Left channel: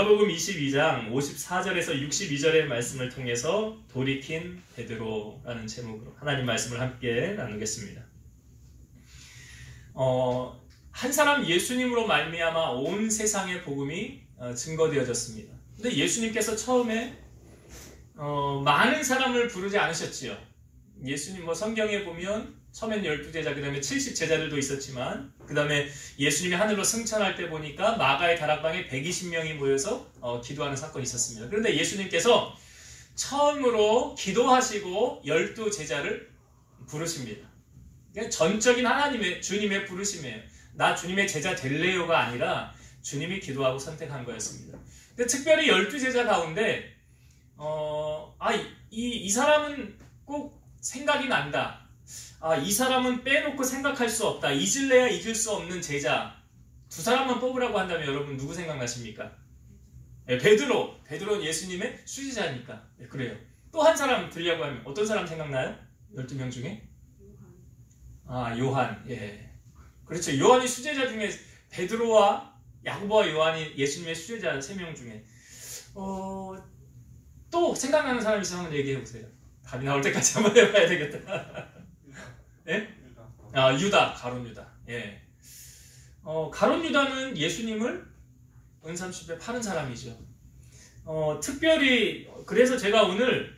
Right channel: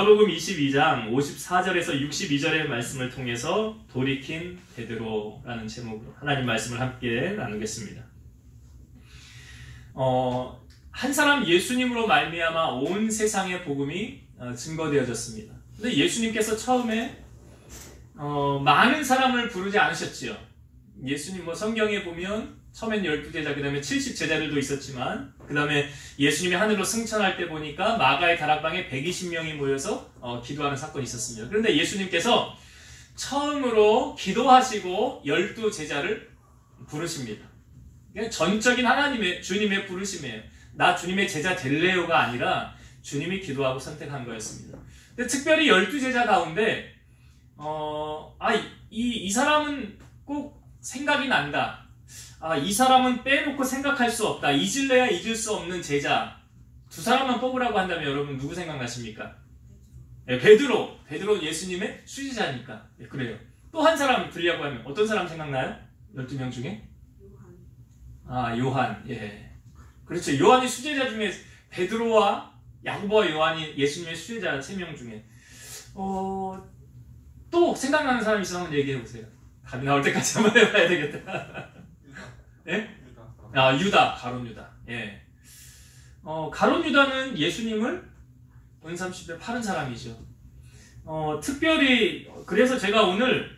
누가복음 22장 54절에서 62절의 말씀을 통해서 돌이킨 베드로라는 제목으로 하나님 말씀을 함께 나누겠습니다. 한 사람 예수님으로 말미암아 온 세상의 복음이 증거되어졌습니다. 근데 예수님께서 처음에 많은 사람을 부르지 않으셨지요. 예수님 성경에 보면 처음엔 12제자, 그 다음에 70제자들도 있었지만, 그 다음에 예수님이 하늘로 승천할 때 보니까 마가의 다락방에 120명이 모여서 기도하는 사건이 있었습니다. 그런데 예수님께서 처음으로 기도하시고 12제자를 부르십니다. 전적인 하나님의, 주님의 부르심이에요. 나 주님의 제자 될래요가 아니라 주님이 기도하고 선택한 거였습니다. 근데 특별히 12제자 가운데 이 사람은 꼭 생각이 난다. 이 사람은 빼놓고 생각할 수 없다. 잊을래야 잊을 수 없는 제자. 두 사람만 뽑으라고 한다면 여러분 누구 생각나십니까? 베드로. 베드로는 예수님의 수제자니까. 그래요. 또 한 사람 들려고 하면 어떤 사람 생각나요? 12명 중에? 요한. 예. 그렇죠. 요한이 수제자 중에 베드로와 야고보와 요한이 예수님의 수제자 3명 중에 또 생각나는 사람 있으면 한번 얘기해 보세요. 답이 나올 때까지 한번 해봐야 되겠다. 예? 유다. 가룟 유다. 예. 가룟 유다는 예수님을 은삼십에 팔은 사람이죠. 특별히 그래서 제가 오늘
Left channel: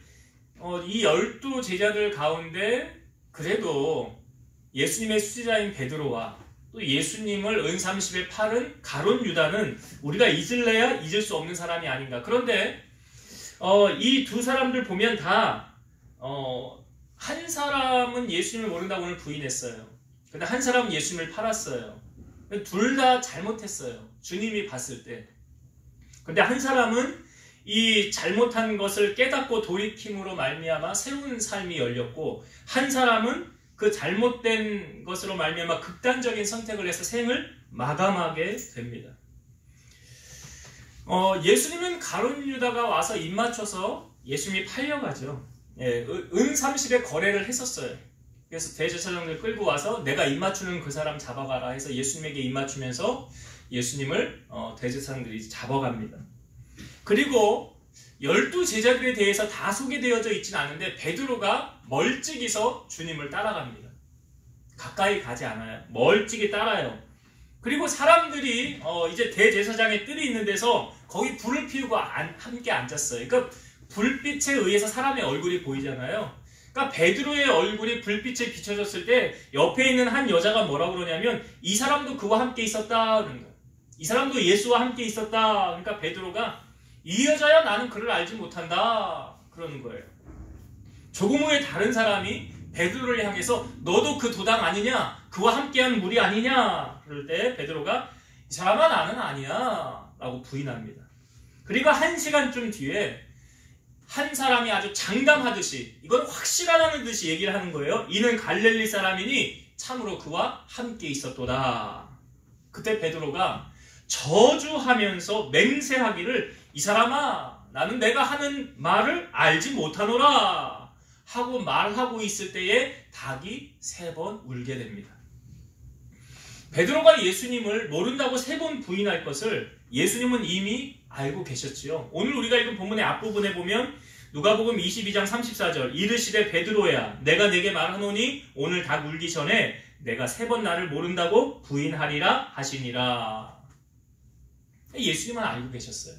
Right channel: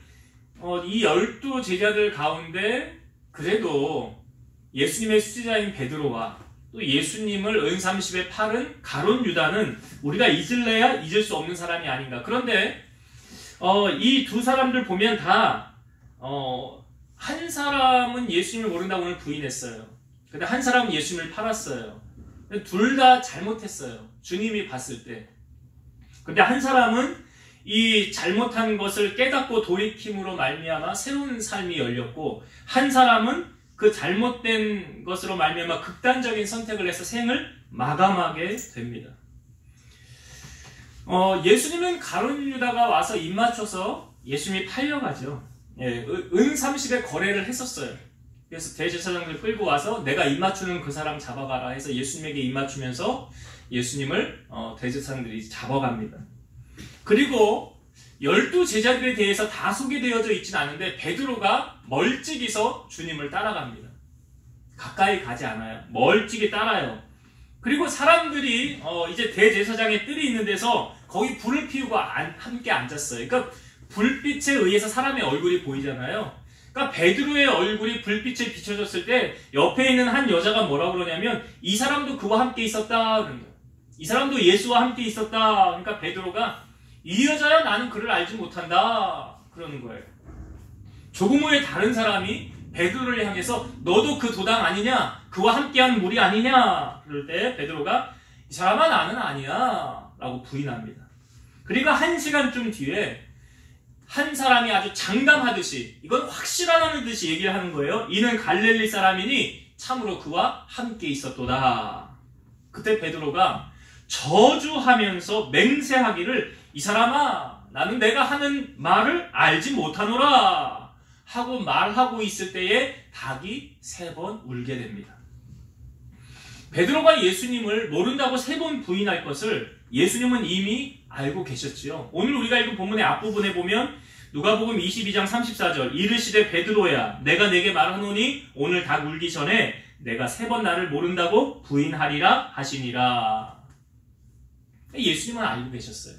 이 12제자들 가운데 그래도 예수님의 수제자인 베드로와 또 예수님을 은삼십에 팔은 가룟 유다는 우리가 잊을래야 잊을 수 없는 사람이 아닌가. 그런데 이 두 사람들 보면 다 한 사람은 예수님을 모른다고 오늘 부인했어요. 근데 한 사람은 예수님을 팔았어요. 둘 다 잘못했어요. 주님이 봤을 때. 근데 한 사람은 이 잘못한 것을 깨닫고 돌이킴으로 말미암아 새로운 삶이 열렸고, 한 사람은 그 잘못된 것으로 말미암아 극단적인 선택을 해서 생을 마감하게 됩니다. 예수님은 가룟 유다가 와서 입 맞춰서 예수님이 팔려가죠. 예, 은30의 거래를 했었어요. 그래서 대제사장들 끌고 와서 내가 입 맞추는 그 사람 잡아가라 해서 예수님에게 입 맞추면서 예수님을 대제사장들이 잡아갑니다. 그리고 12제자들에 대해서 다 소개되어져 있지는 않은데 베드로가 멀찍이서 주님을 따라갑니다. 가까이 가지 않아요. 멀찍이 따라요. 그리고 사람들이 이제 대제사장의 뜰이 있는 데서 거기 불을 피우고 함께 앉았어요. 그러니까 불빛에 의해서 사람의 얼굴이 보이잖아요. 그러니까 베드로의 얼굴이 불빛에 비춰졌을 때 옆에 있는 한 여자가 뭐라고 그러냐면 이 사람도 그와 함께 있었다 그런 거예요. 이 사람도 예수와 함께 있었다. 그러니까 베드로가 이 여자야 나는 그를 알지 못한다 그러는 거예요. 조금 후에 다른 사람이 베드로를 향해서 너도 그 도당 아니냐? 그와 함께한 무리 아니냐? 그럴 때 베드로가 이 사람아 나는 아니야 라고 부인합니다. 그리고 1시간쯤 뒤에 한 사람이 아주 장담하듯이 이건 확실하다는 듯이 얘기를 하는 거예요. 이는 갈릴리 사람이니 참으로 그와 함께 있었도다. 그때 베드로가 저주하면서 맹세하기를 이 사람아 나는 내가 하는 말을 알지 못하노라 하고 말하고 있을 때에 닭이 3번 울게 됩니다. 베드로가 예수님을 모른다고 3번 부인할 것을 예수님은 이미 알고 계셨지요. 오늘 우리가 읽은 본문의 앞부분에 보면 누가복음 22장 34절 이르시되 베드로야 내가 내게 말하노니 오늘 닭 울기 전에 내가 3번 나를 모른다고 부인하리라 하시니라. 예수님은 알고 계셨어요.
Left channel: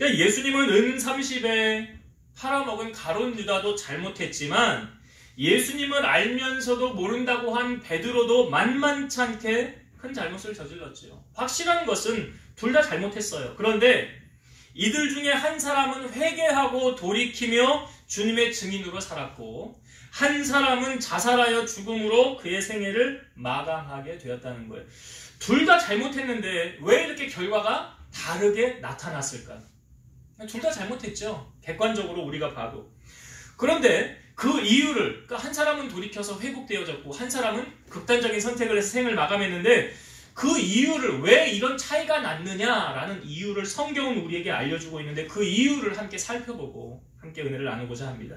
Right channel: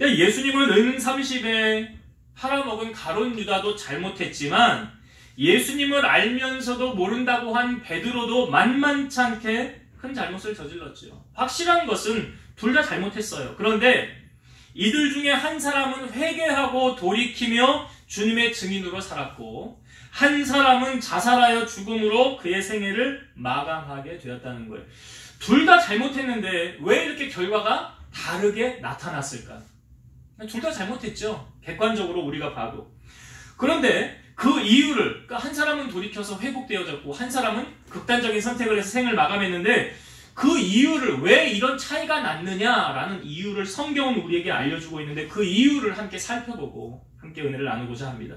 예수님은 은30에 팔아먹은 가룟 유다도 잘못했지만 예수님을 알면서도 모른다고 한 베드로도 만만찮게 큰 잘못을 저질렀죠. 확실한 것은 둘 다 잘못했어요. 그런데 이들 중에 한 사람은 회개하고 돌이키며 주님의 증인으로 살았고 한 사람은 자살하여 죽음으로 그의 생애를 마감하게 되었다는 거예요. 둘 다 잘못했는데 왜 이렇게 결과가 다르게 나타났을까? 둘 다 잘못했죠. 객관적으로 우리가 봐도. 그런데 그 이유를, 그러니까 한 사람은 돌이켜서 회복되어졌고 한 사람은 극단적인 선택을 해서 생을 마감했는데 그 이유를 왜 이런 차이가 났느냐라는 이유를 성경은 우리에게 알려주고 있는데 그 이유를 함께 살펴보고 함께 은혜를 나누고자 합니다.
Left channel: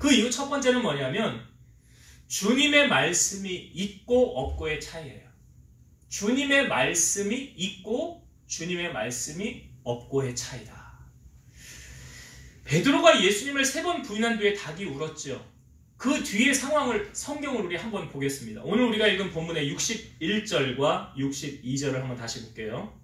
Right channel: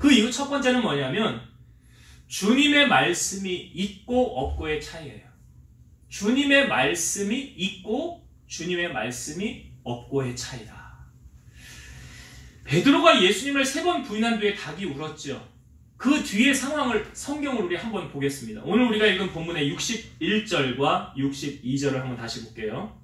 그 이유 첫 번째는 뭐냐면 주님의 말씀이 있고 없고의 차이예요. 주님의 말씀이 있고 주님의 말씀이 없고의 차이다. 베드로가 예수님을 3번 부인한 뒤에 닭이 울었죠. 그 뒤의 상황을 성경을 우리 한번 보겠습니다. 오늘 우리가 읽은 본문의 61절과 62절을 한번 다시 볼게요.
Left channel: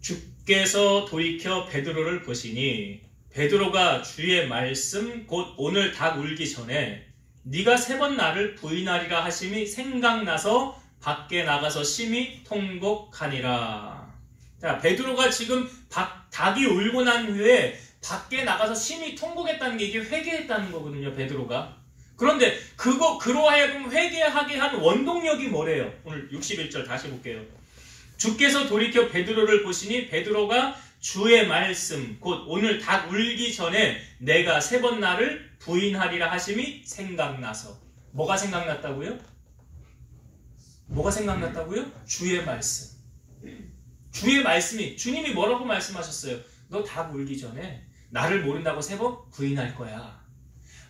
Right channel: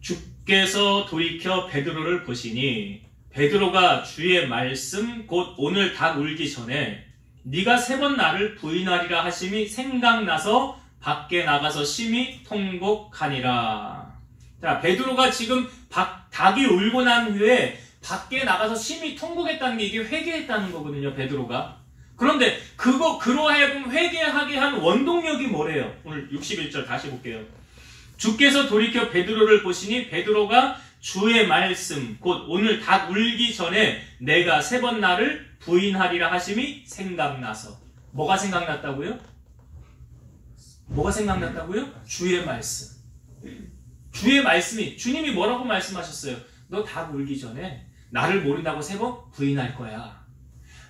주께서 돌이켜 베드로를 보시니 베드로가 주의 말씀 곧 오늘 닭 울기 전에 네가 3번 나를 부인하리라 하심이 생각나서 밖에 나가서 심히 통곡하니라. 자, 베드로가 지금 닭이 울고 난 후에 밖에 나가서 심히 통곡했다는 게 이게 회개했다는 거거든요, 베드로가. 그런데 그로 하여금 회개하게 한 원동력이 뭐래요? 오늘 61절 다시 볼게요. 주께서 돌이켜 베드로를 보시니 베드로가 주의 말씀 곧 오늘 닭 울기 전에 내가 3번 나를 부인하리라 하심이 생각나서. 뭐가 생각났다고요? 뭐가 생각났다고요? 주의 말씀. 주의 말씀이, 주님이 뭐라고 말씀하셨어요? 너 닭 울기 전에 나를 모른다고 3번 부인할 거야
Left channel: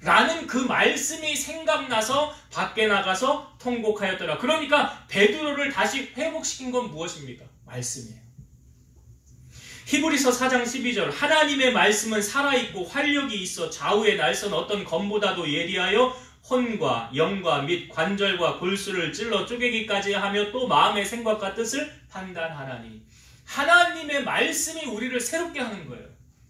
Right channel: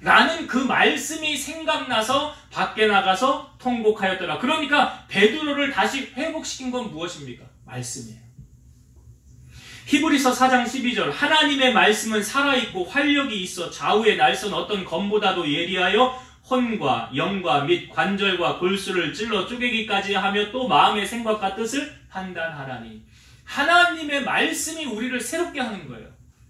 라는 그 말씀이 생각나서 밖에 나가서 통곡하였더라. 그러니까 베드로를 다시 회복시킨 건 무엇입니까? 말씀이에요. 히브리서 4장 12절 하나님의 말씀은 살아있고 활력이 있어 좌우에 날선 어떤 검보다도 예리하여 혼과 영과 및 관절과 골수를 찔러 쪼개기까지 하며 또 마음의 생각과 뜻을 판단하라니. 하나님의 말씀이 우리를 새롭게 하는 거예요.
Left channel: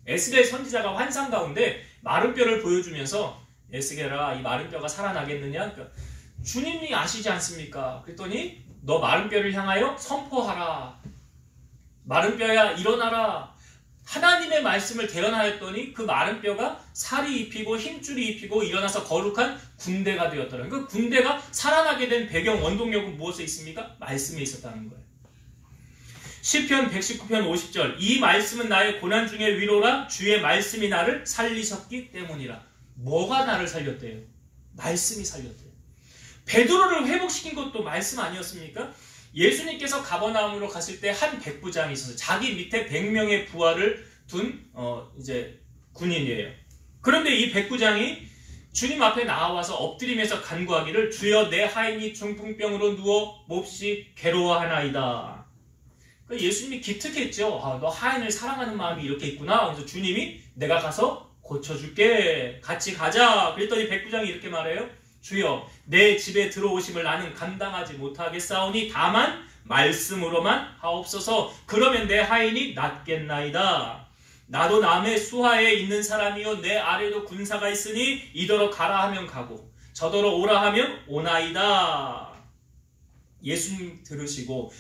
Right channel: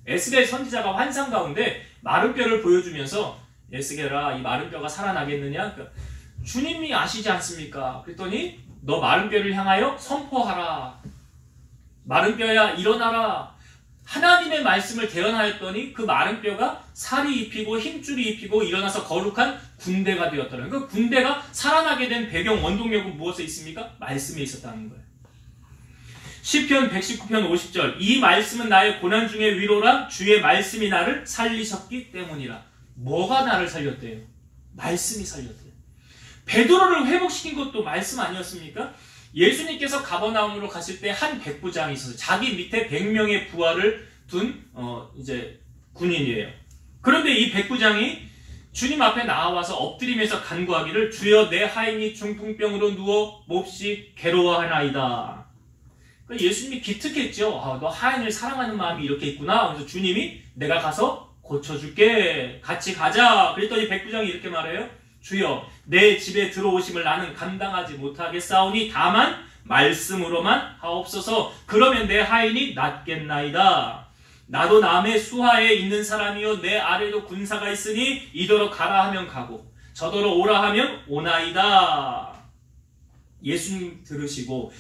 에스겔 선지자가 환상 가운데 마른 뼈를 보여주면서 에스겔아 이 마른 뼈가 살아나겠느냐? 그러니까 주님이 아시지 않습니까? 그랬더니 너 마른 뼈를 향하여 선포하라. 마른 뼈야 일어나라. 하나님의 말씀을 대언하였더니 그 마른 뼈가 살이 입히고 힘줄이 입히고 일어나서 거룩한 군대가 되었더라. 그 군대가 살아나게 된 배경 원동력은 무엇에 있습니까? 말씀에 있었다는 거예요. 시편 119편 50절 이 말씀은 나의 고난 중에 위로라 주의 말씀이 나를 살리셨기 때문이라. 뭐가 나를 살렸대요? 말씀이 살렸대요. 베드로를 회복시킨 것도 말씀 아니었습니까? 예수님께서 가버나움으로 갔을 때 한 백부장이 있어서 자기 밑에 100명의 부하를 둔 이제 군인이에요. 그런데 이 백부장이 주님 앞에 나와서 엎드리면서 간구하기를 주여 내 하인이 중풍병으로 누워 몹시 괴로워하나이다. 그러니까 예수님이 기특했죠. 아, 너 하인을 사랑하는 마음이 이렇게 있구나. 그래서 주님이 내가 가서 고쳐줄게. 같이 가자. 그랬더니 백부장이 이렇게 말해요. 주여 내 집에 들어오심을 나는 감당하지 못하겠사오니 다만 말씀으로만 하옵소서. 그러면 내 하인이 낫겠나이다. 나도 남의 수하에 있는 사람이요 내 아래도 군사가 있으니 이더러 가라 하면 가고 저더러 오라 하면 오나이다. 예수님 들으시고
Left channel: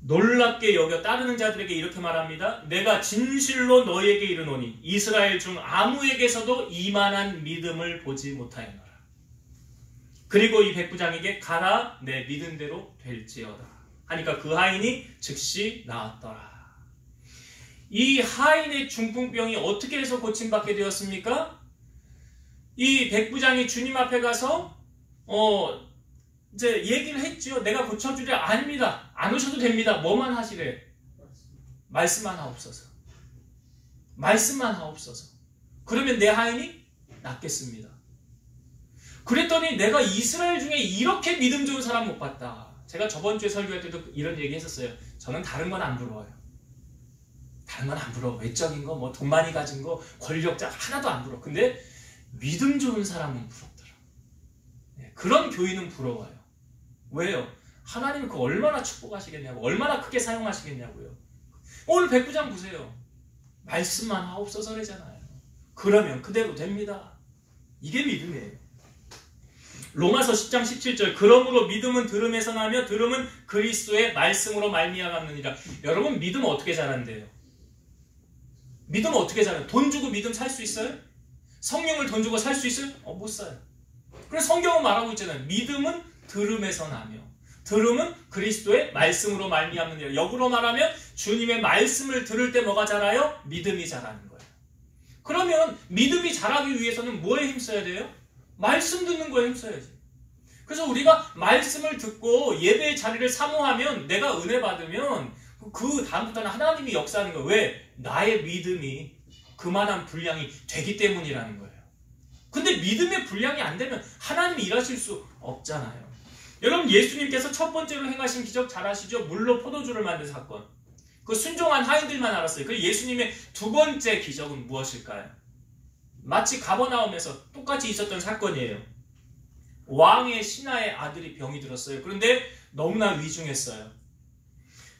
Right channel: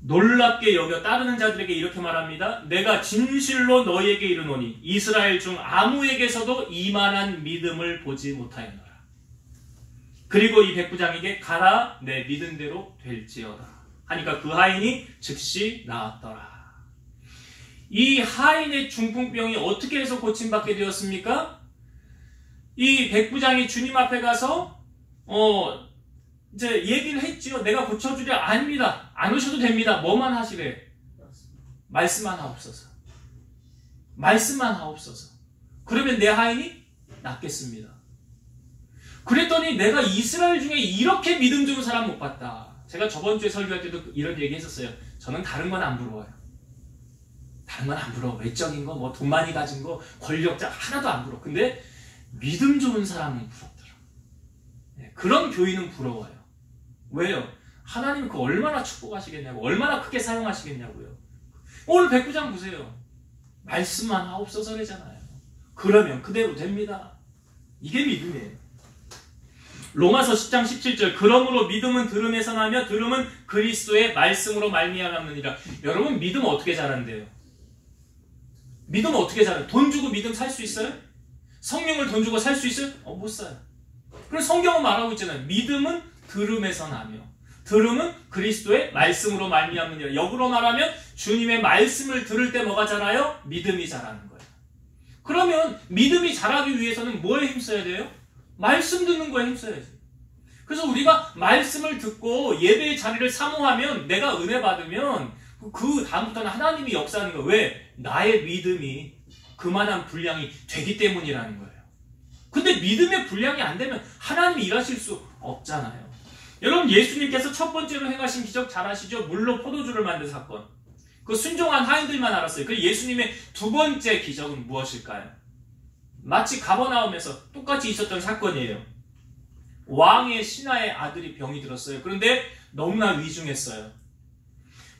놀랍게 여겨 따르는 자들에게 이렇게 말합니다. 내가 진실로 너희에게 이르노니 이스라엘 중 아무에게서도 이만한 믿음을 보지 못하였노라. 그리고 이 백부장에게 가라 내 믿은 대로 될지어다 하니까 그 하인이 즉시 나았더라. 이 하인의 중풍병이 어떻게 해서 고침받게 되었습니까? 이 백부장이 주님 앞에 가서 이제 얘기를 했지요. 내가 고쳐주랴. 아닙니다. 안 오셔도 됩니다. 뭐만 하시래? 말씀만 하옵소서. 말씀만 하옵소서. 그러면 내 하인이 낫겠습니다. 그랬더니 내가 이스라엘 중에 이렇게 믿음 좋은 사람 못 봤다. 제가 저번 주에 설교할 때도 이런 얘기 했었어요. 저는 다른 건 안 부러워요. 다른 건 안 부러워. 외적인 거, 뭐 돈 많이 가진 거, 권력자 하나도 안 부러워. 근데 믿음 좋은 사람은 부럽더라. 그런 교인은 부러워요. 왜요? 하나님이 그 얼마나 축복하시겠냐고, 얼마나 크게 사용하시겠냐고요. 오늘 백부장 보세요. 말씀만 하옵소서래잖아요. 그러면 그대로 됩니다. 이게 믿음이에요. 로마서 10장 17절 그러므로 믿음은 들음에서 나며 들음은 그리스도의 말씀으로 말미암느니라. 여러분 믿음 어떻게 자란대요? 믿음 어떻게 자라요? 돈 주고 믿음 살 수 있어요? 성령을 돈 주고 살 수 있어요? 못 사요. 그래서 성경은 말하고 있잖아요. 믿음은 들음에서 나며 들음은 그리스도의 말씀으로 말미암느니라. 역으로 말하면 주님의 말씀을 들을 때 뭐가 자라요? 믿음이 자라는 거예요. 그러면 믿음이 자라기 위해서는 뭐에 힘써야 돼요? 말씀 듣는 거에 힘써야지. 그래서 우리가 말씀을 듣고 예배의 자리를 사모하면 내가 은혜 받으면 그 다음부터는 하나님이 역사하는 거예요. 왜? 나의 믿음이 그만한 분량이 되기 때문이라는 거예요. 근데 믿음의 분량이 안 되면 하나님이 일하실 수 없잖아요. 여러분 예수님께서 첫 번째로 행하신 기적 잘 아시죠? 물로 포도주를 만든 사건. 그 순종한 하인들만 알았어요. 그 예수님의 두 번째 기적은 무엇일까요? 마치 가버나움에서 똑같이 있었던 사건이에요. 왕의 신하의 아들이 병이 들었어요. 그런데 너무나 위중했어요.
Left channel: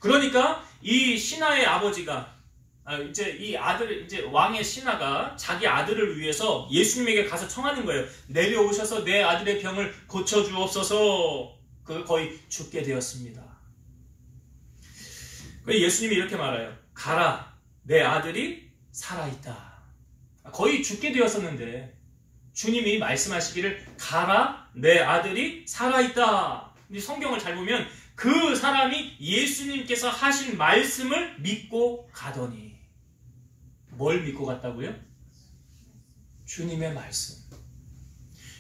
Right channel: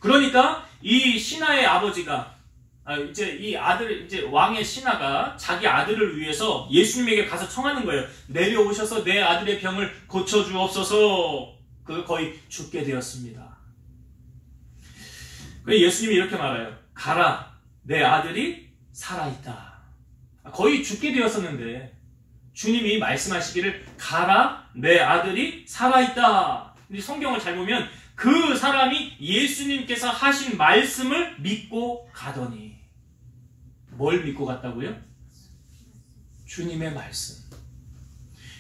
그러니까 이 신하의 아버지가 이제 왕의 신하가 자기 아들을 위해서 예수님에게 가서 청하는 거예요. 내려오셔서 내 아들의 병을 고쳐주옵소서. 거의 죽게 되었습니다. 예수님이 이렇게 말해요. 가라, 내 아들이 살아있다. 거의 죽게 되었었는데 주님이 말씀하시기를 가라, 내 아들이 살아있다. 성경을 잘 보면 그 사람이 예수님께서 하신 말씀을 믿고 가더니, 뭘 믿고 갔다고요? 주님의 말씀.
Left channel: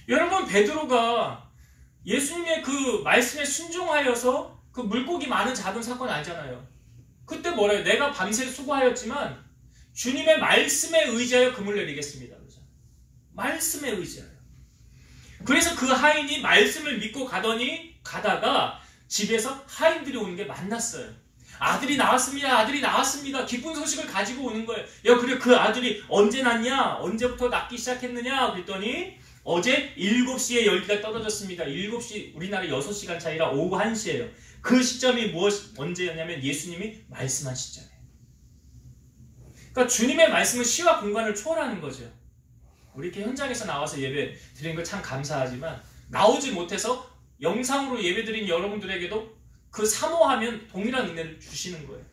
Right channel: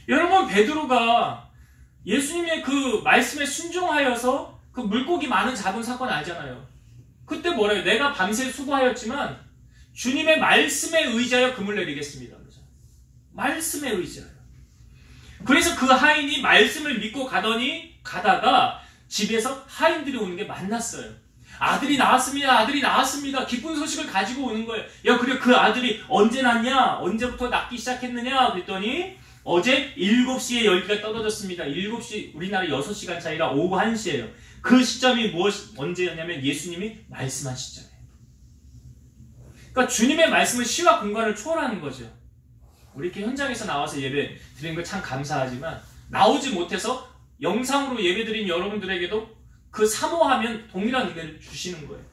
여러분, 베드로가 예수님의 그 말씀에 순종하여서 그 물고기 많은 잡은 사건 알잖아요. 그때 뭐래요? 내가 밤새 수고하였지만 주님의 말씀에 의지하여 금을 내리겠습니다. 말씀에 의지하여. 그래서 그 하인이 말씀을 믿고 가다가 집에서 하인들이 오는 게 만났어요. 아들이 나왔습니다. 아들이 나왔습니다. 기쁜 소식을 가지고 오는 거예요. 야, 그래, 그 아들이 언제 낳냐? 언제부터 낳기 시작했느냐? 그랬더니 어제 7시에 열기가 떨어졌습니다. 7시, 우리나라 6시간 차이라 오후 1시예요. 그 시점이 언제였냐면 예수님이 말씀한 시점이에요. 그러니까 주님의 말씀은 시와 공간을 초월하는 거죠. 우리 이렇게 현장에서 나와서 예배 드리는 거 참 감사하지만 나오지 못해서 영상으로 예배 드린 여러분들에게도 그 사모하면 동일한 은혜를 주시는 거예요.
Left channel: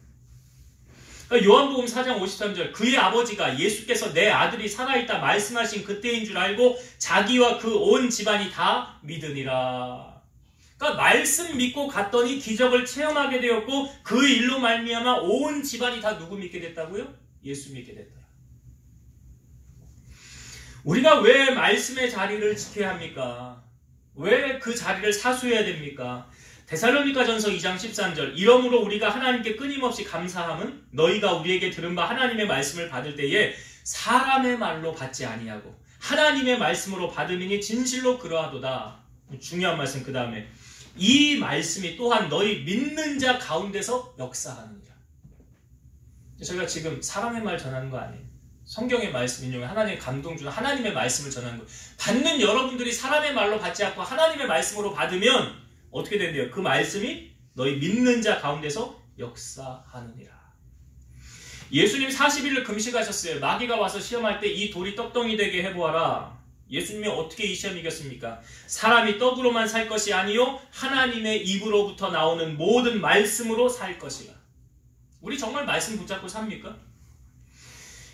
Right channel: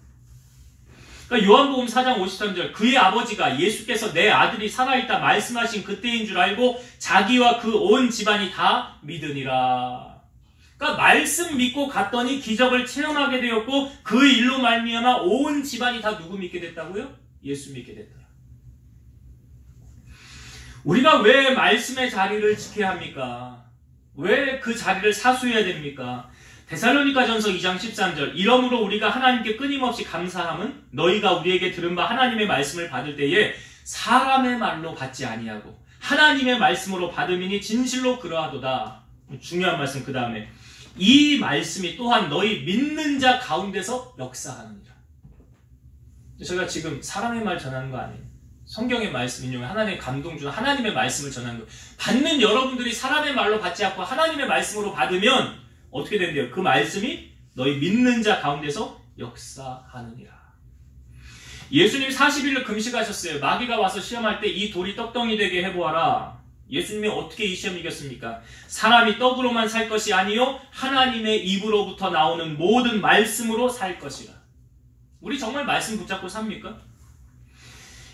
그러니까 요한복음 4장 53절, 그의 아버지가 예수께서 내 아들이 살아있다 말씀하신 그때인 줄 알고 자기와 그 온 집안이 다 믿으니라. 그러니까 말씀 믿고 갔더니 기적을 체험하게 되었고 그 일로 말미암아 온 집안이 다 누구 믿게 됐다고요? 예수 믿게 됐다. 우리가 왜 말씀의 자리를 지켜야 합니까? 왜 그 자리를 사수해야 됩니까? 데살로니가전서 2장 13절, 이러므로 우리가 하나님께 끊임없이 감사함은 너희가 우리에게 들은 바 하나님의 말씀을 받을 때에 사람의 말로 받지 아니하고 하나님의 말씀으로 받음이니 진실로 그러하도다. 중요한 말씀. 그 다음에 이 말씀이 또한 너희 믿는 자 가운데서 역사하느니라. 저희가 지금 사람의 말 전하는 거 아니에요. 성경의 말씀 인용해 하나님의 감동 주는 하나님의 말씀을 전하는 거예요. 받는 여러분들이 사람의 말로 받지 않고 하나님의 말씀으로 받으면 어떻게 된대요? 그 말씀이 너희 믿는 자 가운데서 역사하느니라. 예수님 40일을 금식하셨어요. 마귀가 와서 시험할 때 이 돌이 떡덩이 되게 해보아라. 예수님이 어떻게 이 시험 이겼습니까? 사람이 떡으로만 살 것이 아니요 하나님의 입으로부터 나오는 모든 말씀으로 살 것이라. 우리 정말 말씀 붙잡고 삽니까?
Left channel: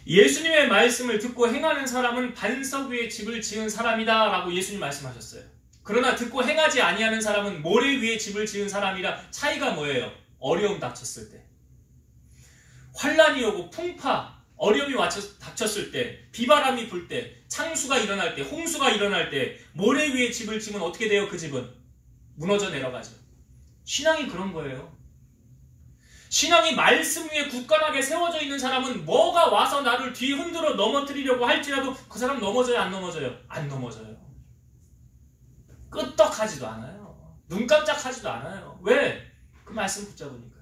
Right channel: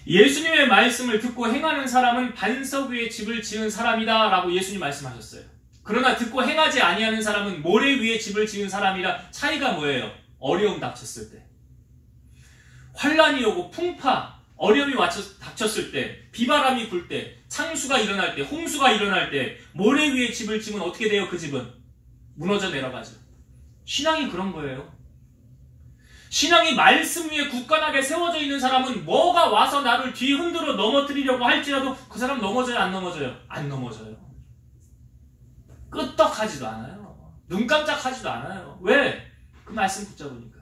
예수님의 말씀을 듣고 행하는 사람은 반석 위에 집을 지은 사람이다 라고 예수님 말씀하셨어요. 그러나 듣고 행하지 아니하는 사람은 모래 위에 집을 지은 사람이라. 차이가 뭐예요? 어려움 닥쳤을 때, 환란이 오고 풍파, 어려움이 닥쳤을 때, 비바람이 불 때, 창수가 일어날 때, 홍수가 일어날 때 모래 위에 집을 지면 어떻게 돼요? 그 집은 무너져 내려가죠. 신앙이 그런 거예요. 신앙이 말씀 위에 굳건하게 세워져 있는 사람은 뭐가 와서 나를 뒤흔들어 넘어뜨리려고 할지라도 그 사람 넘어져요? 안 넘어져요? 안 넘어져요. 끄떡하지도 않아요. 눈 깜짝하지도 않아요. 왜? 그 말씀 붙잡으니까.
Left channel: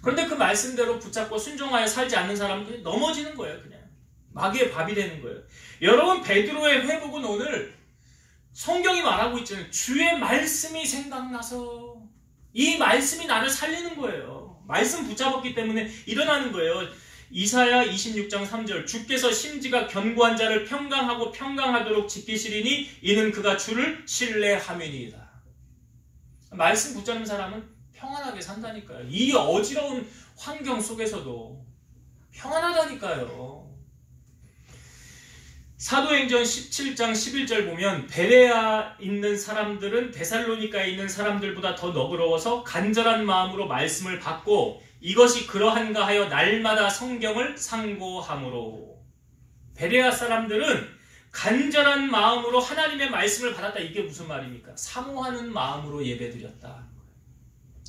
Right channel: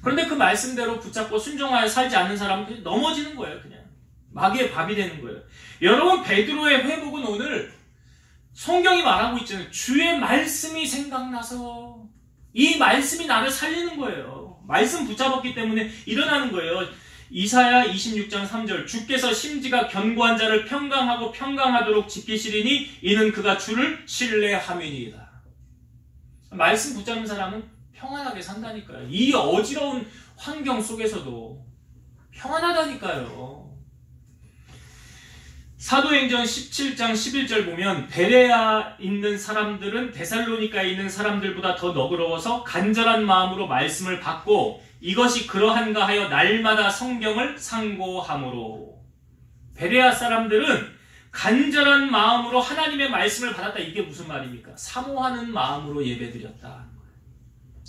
그런데 그 말씀대로 붙잡고 순종하여 살지 않는 사람은 넘어지는 거예요. 그냥 마귀의 밥이 되는 거예요. 여러분, 베드로의 회복은 오늘 성경이 말하고 있잖아요. 주의 말씀이 생각나서 이 말씀이 나를 살리는 거예요. 말씀 붙잡았기 때문에 일어나는 거예요. 이사야 26장 3절, 주께서 심지가 견고한 자를 평강하고 평강하도록 지키시리니 이는 그가 주를 신뢰함이니이다. 말씀 붙잡는 사람은 평안하게 산다니까요. 이 어지러운 환경 속에서도 평안하다니까요. 사도행전 17장 11절 보면 베레아 있는 사람들은 데살로니가에 있는 사람들보다 더 너그러워서 간절한 마음으로 말씀을 받고 이것이 그러한가 하여 날마다 성경을 상고함으로. 베레아 사람들은 간절한 마음으로 하나님의 말씀을 받았다. 이게 무슨 말입니까? 사모하는 마음으로 예배드렸다.